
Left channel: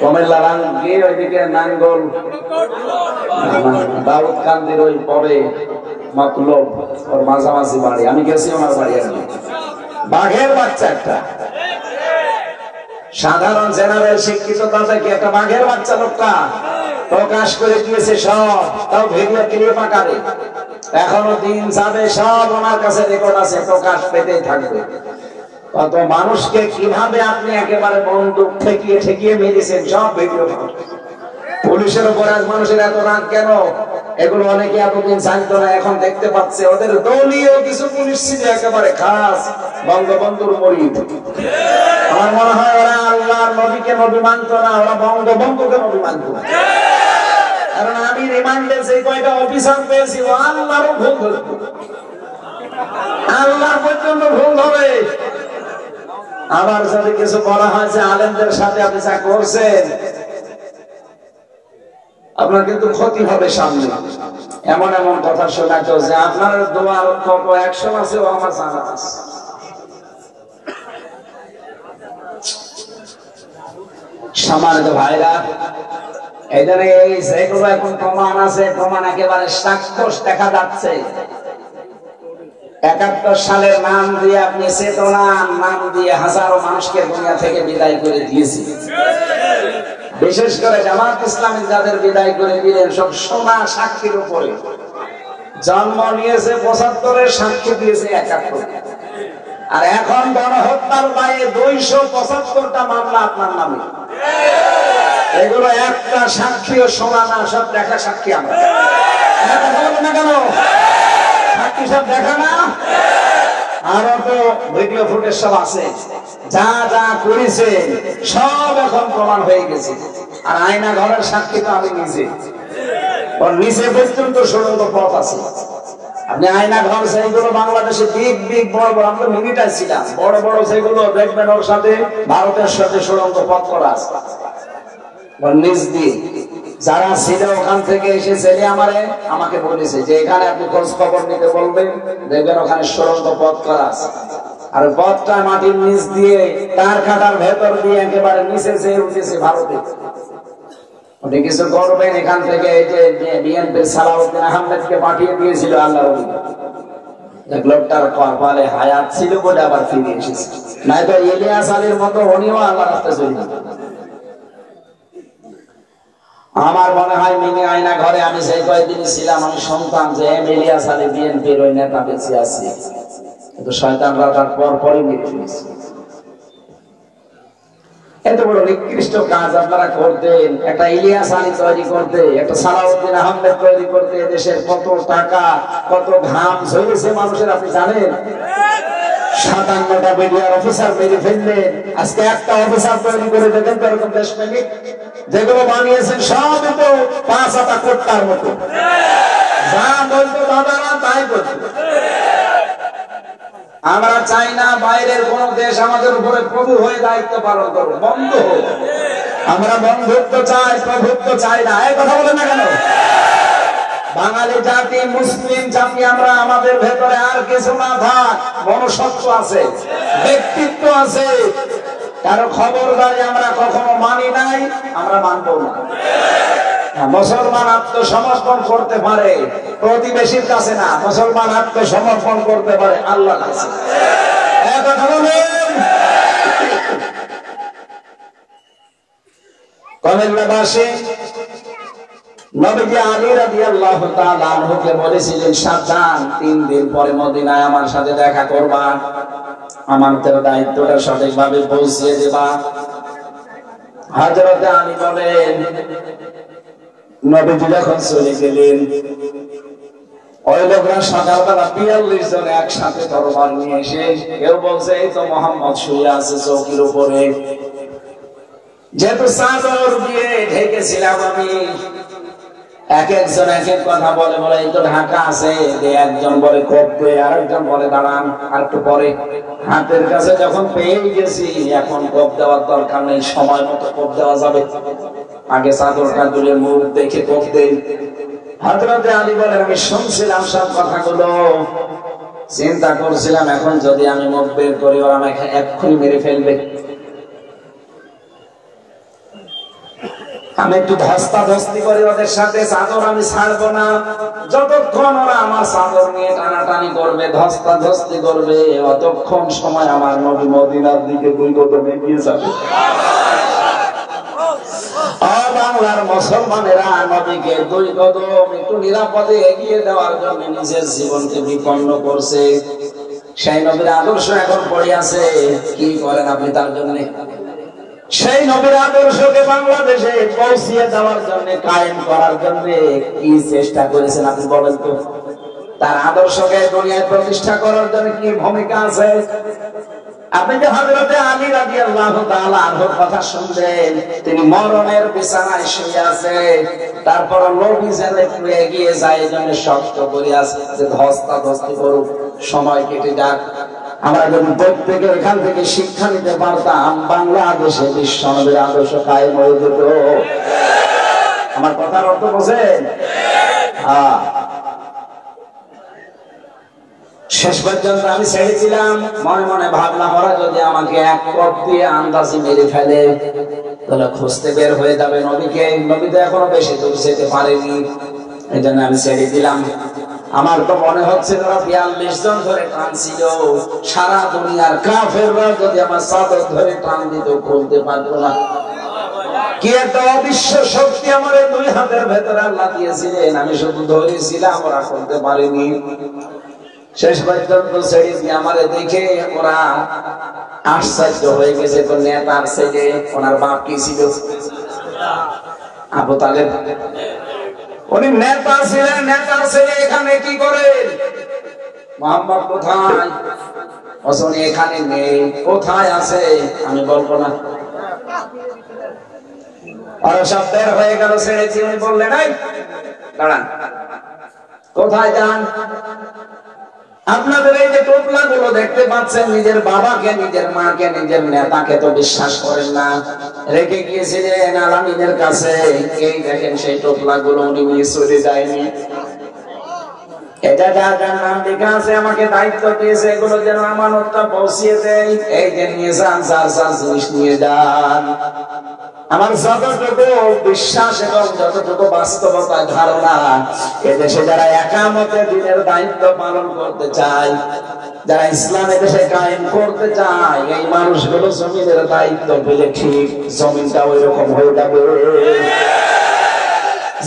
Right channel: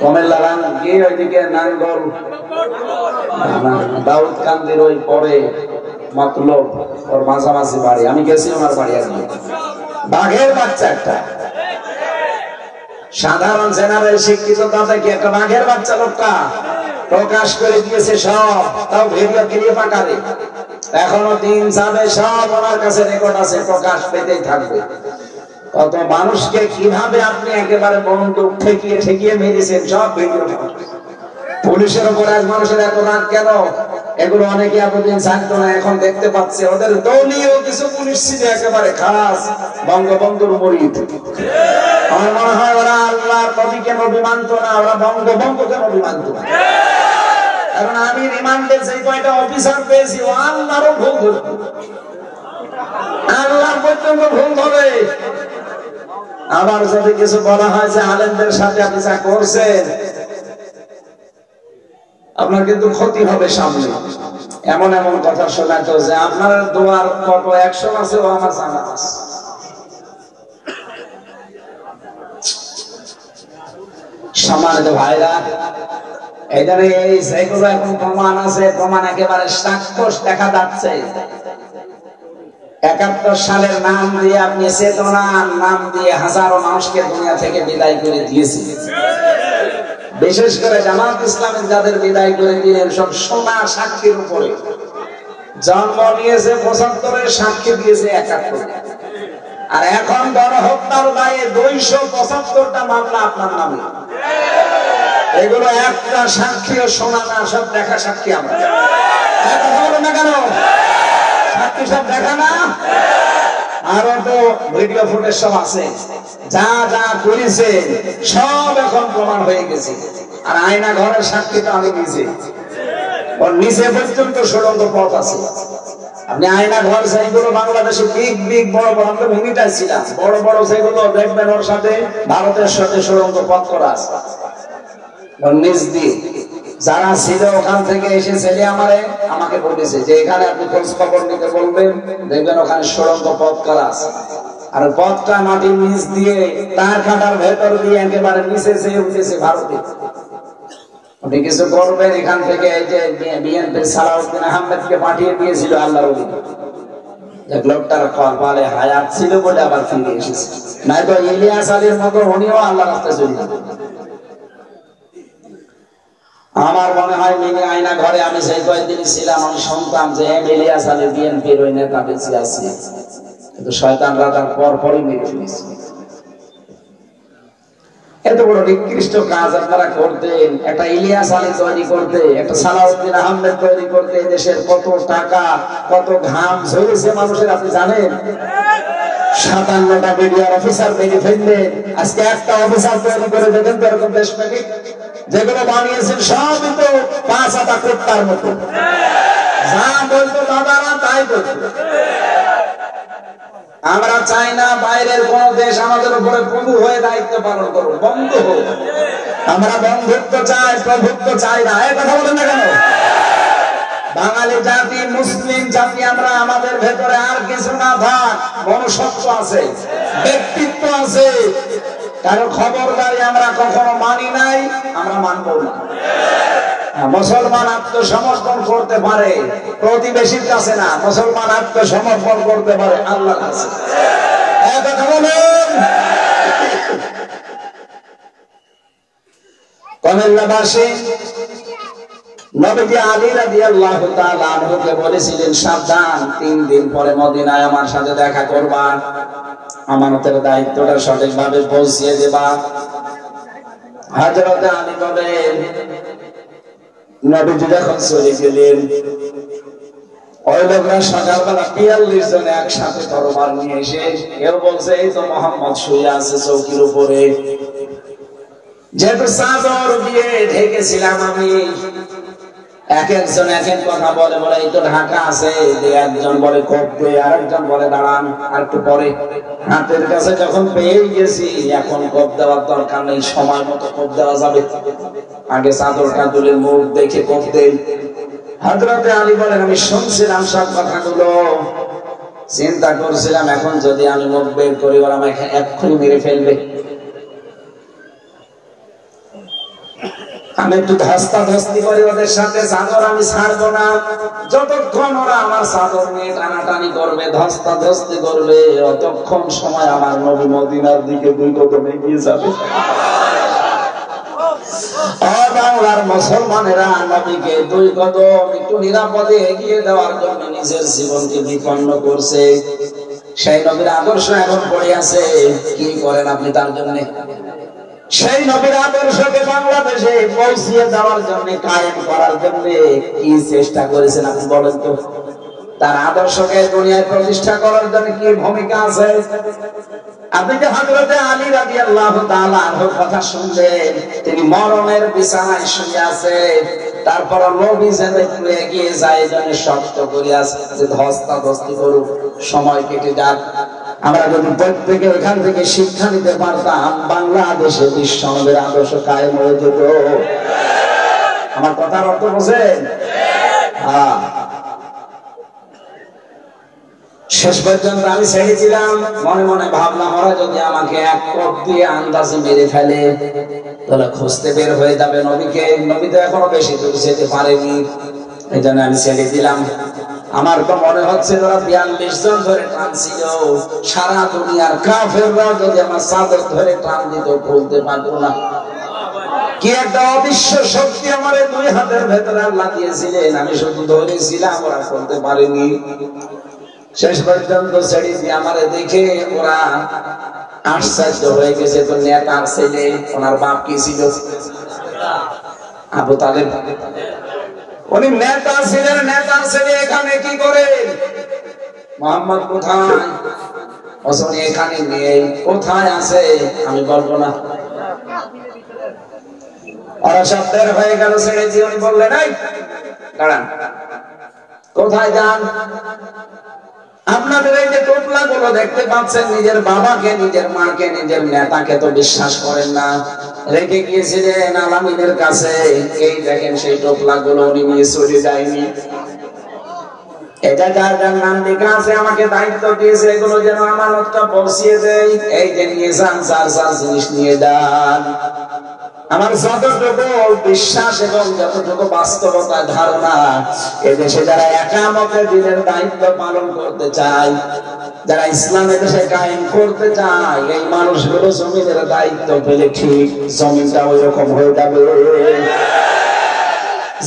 কুমিল্লা গিয়ে ওইদিকে নাঙ্গল দাউদকান্দির ওই পরে মতলব ওর মাঝামাঝি বাড়ি, আমি গেছি আমার বাড়ি। আজকে বাঘের বাচ্চা একটা, সাধারণ জেনারেল শিক্ষিত দাদা কি একটা বাঘের বাচ্চা লোকটা প্রকাশ করে দিয়েছে সব, তাও ভিডিও ক্লিপ আকারে। এখনো দিন যাবে, সব ওনার কাছে রেকর্ড আছে, প্রকাশ পেতেই থাকবে। কত মানুষকে কিভাবে আপনি একেবারে বন্দুক ঠেকিয়ে ঠেকিয়ে মেরেছেন, সব ভিডিও। পুলিশের উপর এক মানুষের এত রাগ কেন? এগুলো অনেকে এতদিন জানতো না, এখন দেখতে পাচ্ছে। ওদের দলীয় কিছু পুলিশ ছিল একেবারে খাস বঙ্গবন্ধুর মরিদ। আমার মনে হয় ওরা আল্লাহর নবীকে নবী মানত না, ওরা বঙ্গবন্ধুকে নবী মানত না। কারণ আমি রিমান্ডে যে কয়টা অফিসার পেয়েছি, ও আল্লাহরও ভুল ধরবে, আল্লাহর পর্যন্ত ভুল হবে। আবার যদি কিছু বলা হয় যে আলেমদের সাথে আপনি যা করছেন, আপনার কিন্তু ক্ষতি হবে সামনে। এমন এমন কথা শোনাতো যে আপনার দোয়ার কত 100 আছে, ও আমার জানা আছে। সম্মানিত ভাইরা, এই জন্য এই যেগুলো এখন প্রমাণ আছে, প্রমাণ একেবারে সাক্ষ্য দেখা যাচ্ছে। 71 সালের নাম দিয়ে আপনি চেতনার নাম দিয়ে হাজারো মানুষকে দুনিয়া থেকে বিদায় করে দিয়েছি। বিশেষ করে জামাত ইসলামী যাদের বিদায় করে দিলেন, সব সোনা সাক্ষীর উপরে। জন্ম নিয়েছে 75, সাক্ষী দিয়েছে 71। আর এখন গণহত্যার দায়ে 275টা মামলা আপনার নামে। এগুলো একটা সাক্ষীও শোনা না, সব দেখা সাক্ষী। আমরা না কেন সাক্ষী সব দেখা না? আরো তো ভিডিও ফুটেজ সব আছে, যা যা করেছে সব এখন প্রমাণ হয়ে গেছে। আর আয়না ঘরের সাক্ষী তো আমি নিজে, ওর নিচে পর্যন্ত সুড়ঙ্গ পথ আছে। আপনি আয়না ঘর যেগুলো বাংলাদেশে বিগ বড় বড়, আমরা ভূমিটাই ছিলাম, বড় বড় যেগুলো দেখবেন ওর সাথে ভারতের সাথে সুড়ঙ্গ পথ করা আছে। নিজ দিয়ে যারা ছিল ওখান থেকে এসে ছেলে আমাকে বলেছে যে এখানে আপনি খোঁজ খবর নিতে বলবেন, দেখবেন ওখানে সুড়ঙ্গ পথ করা আছে, আর পথটা মাটির নিচ দিয়ে তার কাটার ভেতর দিয়ে একেবারে নিচে চেয়ে উঠেছে ভারতে। আপনি কিছু করবেন, এখান থেকে এই যে বিএনপির সালাউদ্দিন আহমেদকে পাঠিয়ে দিয়েছিল আল্লাহর ওলি, লোকটার কপালে হায়াত ছিল বলে আবার ফিরে এসেছে, নয়তো ইলিয়াস আলীর মতো উনিও আল্লাহ রাস্তায় চলে যেতেন। আমার মনে হয় মিনি আয়না ঘরে আমি সেই কয়েকদিন ছিলাম, আমি শুনতাম যে ইলিয়াস আলী বিএনপির ওই নেতা বেঁচে আছে, কিন্তু শয়তানরা তার পরপরই মেরে ফেলেছে। এত বড় নিকৃষ্ট কাজ আপনারা করতেন, একটা ইলিয়াস আলী তৈরি করতে, একটা সালাউদ্দিন আহমেদ তৈরি করতে দেশের কত টাকা কত ঘাম ঝরেছে মানুষের, আপনি জানেন? 57টা মিডিয়ার অফিসার মেরে ফেললেন, আজকে একটা অফিসার তৈরি করে দেবেন তো এরকম দেশপ্রেমিক, যেগুলো বানিয়েছেন সব তো 5 হাতা কোট্টার মতো, যা বলতো দাদারা তাই করতো। আমরা চাই না বাইরের কোন দেশ আমাদের উপরে প্রভু হয়ে দায়িত্ব পালন করবে, বন্ধ হোক। আমরা বন্ধুত্ব চাই, প্রভুত্ব চাই না। এই কথা বলেন না কেন? বাঙালি জাতি, মুসলিম জাতি আমরা, আমাদের ভেতরে আর কিছু না থাক, মনুষ্যত্ব আছে, ব্যক্তিত্ব আছে, কারো খবরদারি আমরা কখনো মানি নাই, আমরা মানবো না। মুসলমান আত্মসমর্পণ করতে পারে প্রতিবেশীর কাছে না, মুসলমান আত্মসমর্পণ করতে পারে আল্লাহর কাছে। কথা বলেন। কুমিল্লাবাসী নবীজি আলী রাদিয়াল্লাহু তাআলা আনহুকে বলেছিলেন, সাবধান, 3 দিন পরে মদিনায় আমার সাথে দেখা করবা, আমানতের দায়িত্বটা সঠিকভাবে পৌঁছিয়ে দেবা। হযরত আলী বলেন, নবীজি যখন চলে গেলেন, ওই লোকরা সকালবেলা 42 জন একসাথে তরবার নিয়ে এসে, কেউ বলছে এই তো মোহাম্মদ শুয়ে আছে চৌকির উপরে, যেহেতু চাদর দিয়ে ঢেকেছিলাম আমি, এক একজন এক এক কথা বলে, বলে এই তো ঢাকা আছে, একজন বলে কোপ দে, আর একজন বলে দাঁড়ান আর একটু পরে, হাতের কাছে যখন পেয়ে গেছি এখন কোপ দেওয়ার দরকার নেই, সময় মতো কোপ দেওয়া যাবে, আগে চাদরটা তুলে মুখ দেখে কোপ দেই। হযরত আলী বলেন, আমি শুনছিলাম সব কথাগুলো, চিন্তা করছিলাম এখন যদি আমি মুখ বের করি ওরা আমাকে এক্ষুনি মেরে ফেলবে, আমি একটু ধস্তাধস্তি করি ওদের সাথে, চাদর আমি ছাড়বো না, যতক্ষণ ওরা আমার চাদর নিয়ে টানাটানি করবে, ধস্তাধস্তি করবে, অতক্ষণ সময় আমার নবী মদিনার দিকে 2 কদম এগিয়ে যাবে। বাংলার মুসলমানেরা নবীকে 2 কদম একটু নিরাপদে এগিয়ে দেওয়ার জন্য নিজের জীবনকে বিপন্ন করছে। সেই নবীর আদর্শ এখন পড়ে আছে, কি করেন আপনি তার জন্য? সেই নবীর আদর্শকে বাংলাদেশে পৌঁছিয়ে দেওয়ার জন্য, কায়েম করার জন্য কি চেষ্টা করেছেন আপনি বলেন তো? তার আদর্শকে দুনিয়ায় প্রতিষ্ঠা করার জন্য কি ভূমিকা আছে? আপনি যে হযরত আলী রাদিয়াল্লাহু তাআলা আনহুর কথা শুনলেন, তিনি মরণের বিছানায় শুয়ে আছে, তারপর নবী যেন একটু এগিয়ে যায়, এজন্য শক্ত করে আছে যে ধস্তাধস্তি করুক, সময় কেটে যাক। আমরা যদি প্রত্যেকে এখান থেকে শিক্ষা নিতে পারতাম, বাংলাদেশে বিশ্বনবীর আদর্শ কায়েম হয়ে যেত। আমার কথার অর্থ বোঝেন? শেষ পর্যন্ত আমি ছেড়েছিলাম, মনে মনে ভাবলাম ওরা যদি আমাকে এক কোপ দিয়ে আন্দাজে মেরে ফেলে তাহলে খুঁজতে বের হয়ে যাবে নবীকে, নবী তো এখনো বেশি দূর যেতে পারেনি, এই জন্য আমি ছেড়ে দিলাম। আমার তো মনে হচ্ছে তারা 42 জন ধরে টানছিল, সারা দুনিয়ার কাফেররা যদি আমার চাদর ধরে টান দিত খুলতে পারতো না। কি একটা অবিশ্ব শক্তি আমার 2 হাতের ভেতরে আল্লাহ দিয়েছিলেন, আমি শুধু ধরেছিলাম, ওরা খুলতে পারেনি। শেষ পর্যন্ত ছেড়ে দিয়ে আমারে দেখে ওরা আশ্চর্য হয়ে গেছে। তো নেতার ছেলে, ওনার বাপ কি ছিল? আবু তালেব। উনি নেতা ছিলেন, নেতার ছেলে এখানে কি করেন? মোহাম্মদ কোথায়? উনি এখানে নেই, কোথায় আছে আমি বলবো না। ওরা সব বের হয়ে গেল, ছেড়েছি। উনি বললেন এই দাঁড়ান, কোথায় যান? আপনাদের এই যে টোপলা গুলো দেখতে পাচ্ছেন, নিজের বাবাকে, নিজের মাকে, নিজের নেতাকে তো বিশ্বাস করেন না, রেখে গিয়েছিলেন আলামিনের কাছে। এই দেখেন সেই টোপলা গুলো উনি নিয়ে চলে যায়নি। এটা যার যার নাম লেখা আছে, আমাকে দায়িত্ব দিয়েছে এগুলো যেন আমানতটা পৌঁছিয়ে দেয়। এই যে নিয়ে যান, যার যার জিনিস নিয়ে যান। আমার যতটুকু বিশ্বাস এবং যতটুকু বাস্তবতা ধারণা, এদেশে যারা একামতে দিনের দায়িত্ব পালন করতে চায়, যারা ইসলাম এদেশে কায়েম করতে চায়, এই মানুষগুলো জমিনের দায়িত্ব পেলে ঠিক জমিনটা ওই রকম হয়ে যাবে।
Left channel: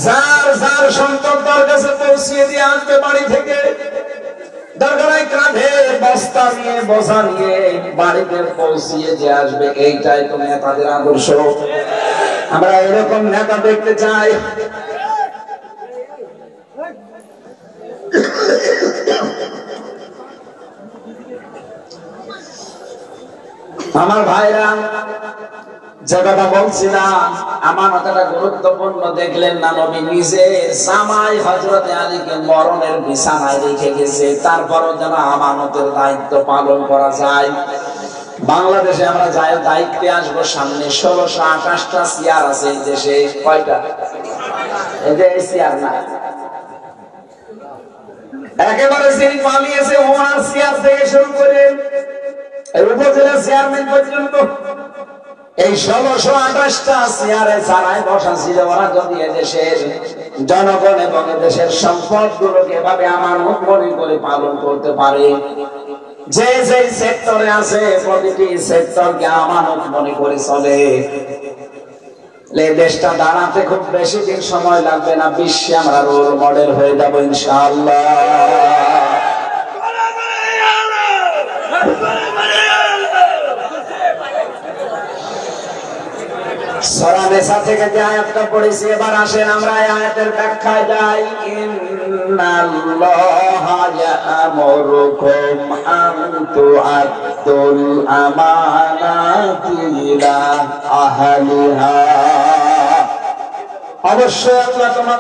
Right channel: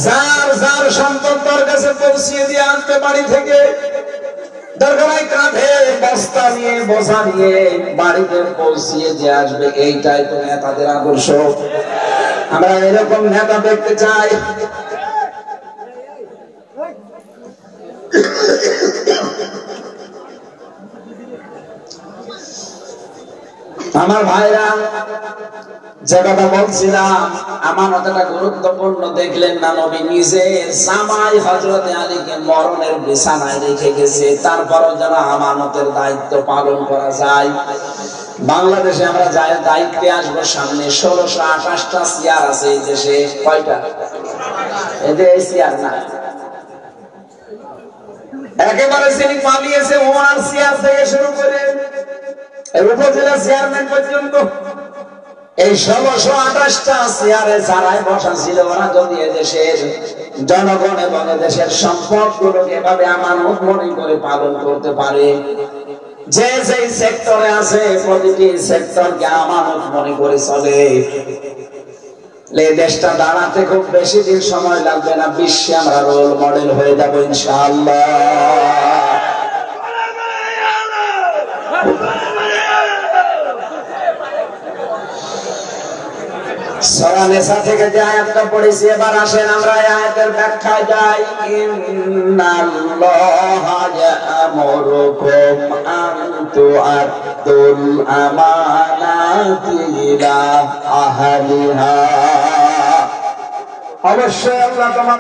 যার যার সন্তানদের কাছে পৌঁছিয়ে দিয়ে আসবে বাড়ি থেকে, দরকার কাঁধে বস্তা নিয়ে, বোঝা নিয়ে বাড়িতে পৌঁছিয়ে দিয়ে আসবে। এইটাই তো নেতাদের আদর্শ। আমরা এরকম নেতা দেখতে চাই। আমার ভাইরা, যে কথা বলছিলাম, আমানতটা গুরুত্বপূর্ণ দেখলেন না? নবী নিজে জামাই হযরত আলীকে মরণের বিছানায় রেখে গেছে, তারপরও যেন আমানতের দায়িত্ব পালন করা যায়। বাংলাদেশে আমরা যাই দায়িত্বে আসবো সামনে, 1628টা চেয়ার আছে এই দেশে। কয়টা? এই যে এই চেয়ার না, একেবারে যিনি পালিয়েছে ওনার চেয়ার থেকে শুরু করে উপজেলা চেয়ারম্যান পর্যন্ত, এই 1628টা চেয়ারে যারাই বসা ছিল, ওরা যদি এদেশের জনগণ এবং এদেশের সম্পদ গুলোকে এভাবে আমানত মনে করে পালন করতে পারে, যে যে সেক্টরে আছে প্রতিটি সেক্টরকে আমানত মনে করে চলে, এই দেশটা দাঁড়াতে খুব বেশি দিন সময় লাগবে না। বিশ্বে আমরা রোল মডেল হয়ে যাবো ইনশাআল্লাহ। সূরা নিসা থেকে যে আয়াতটা পড়েছি, এবার আসেন আমরা এই আয়াতের ব্যাখ্যায় যাই। ইন্নাল্লাহা ইয়া'মুরুকুম আন তু'আদ্দুল আমানাতি ইলা আহলিহা। অবশ্যই আল্লাহ তোমাদের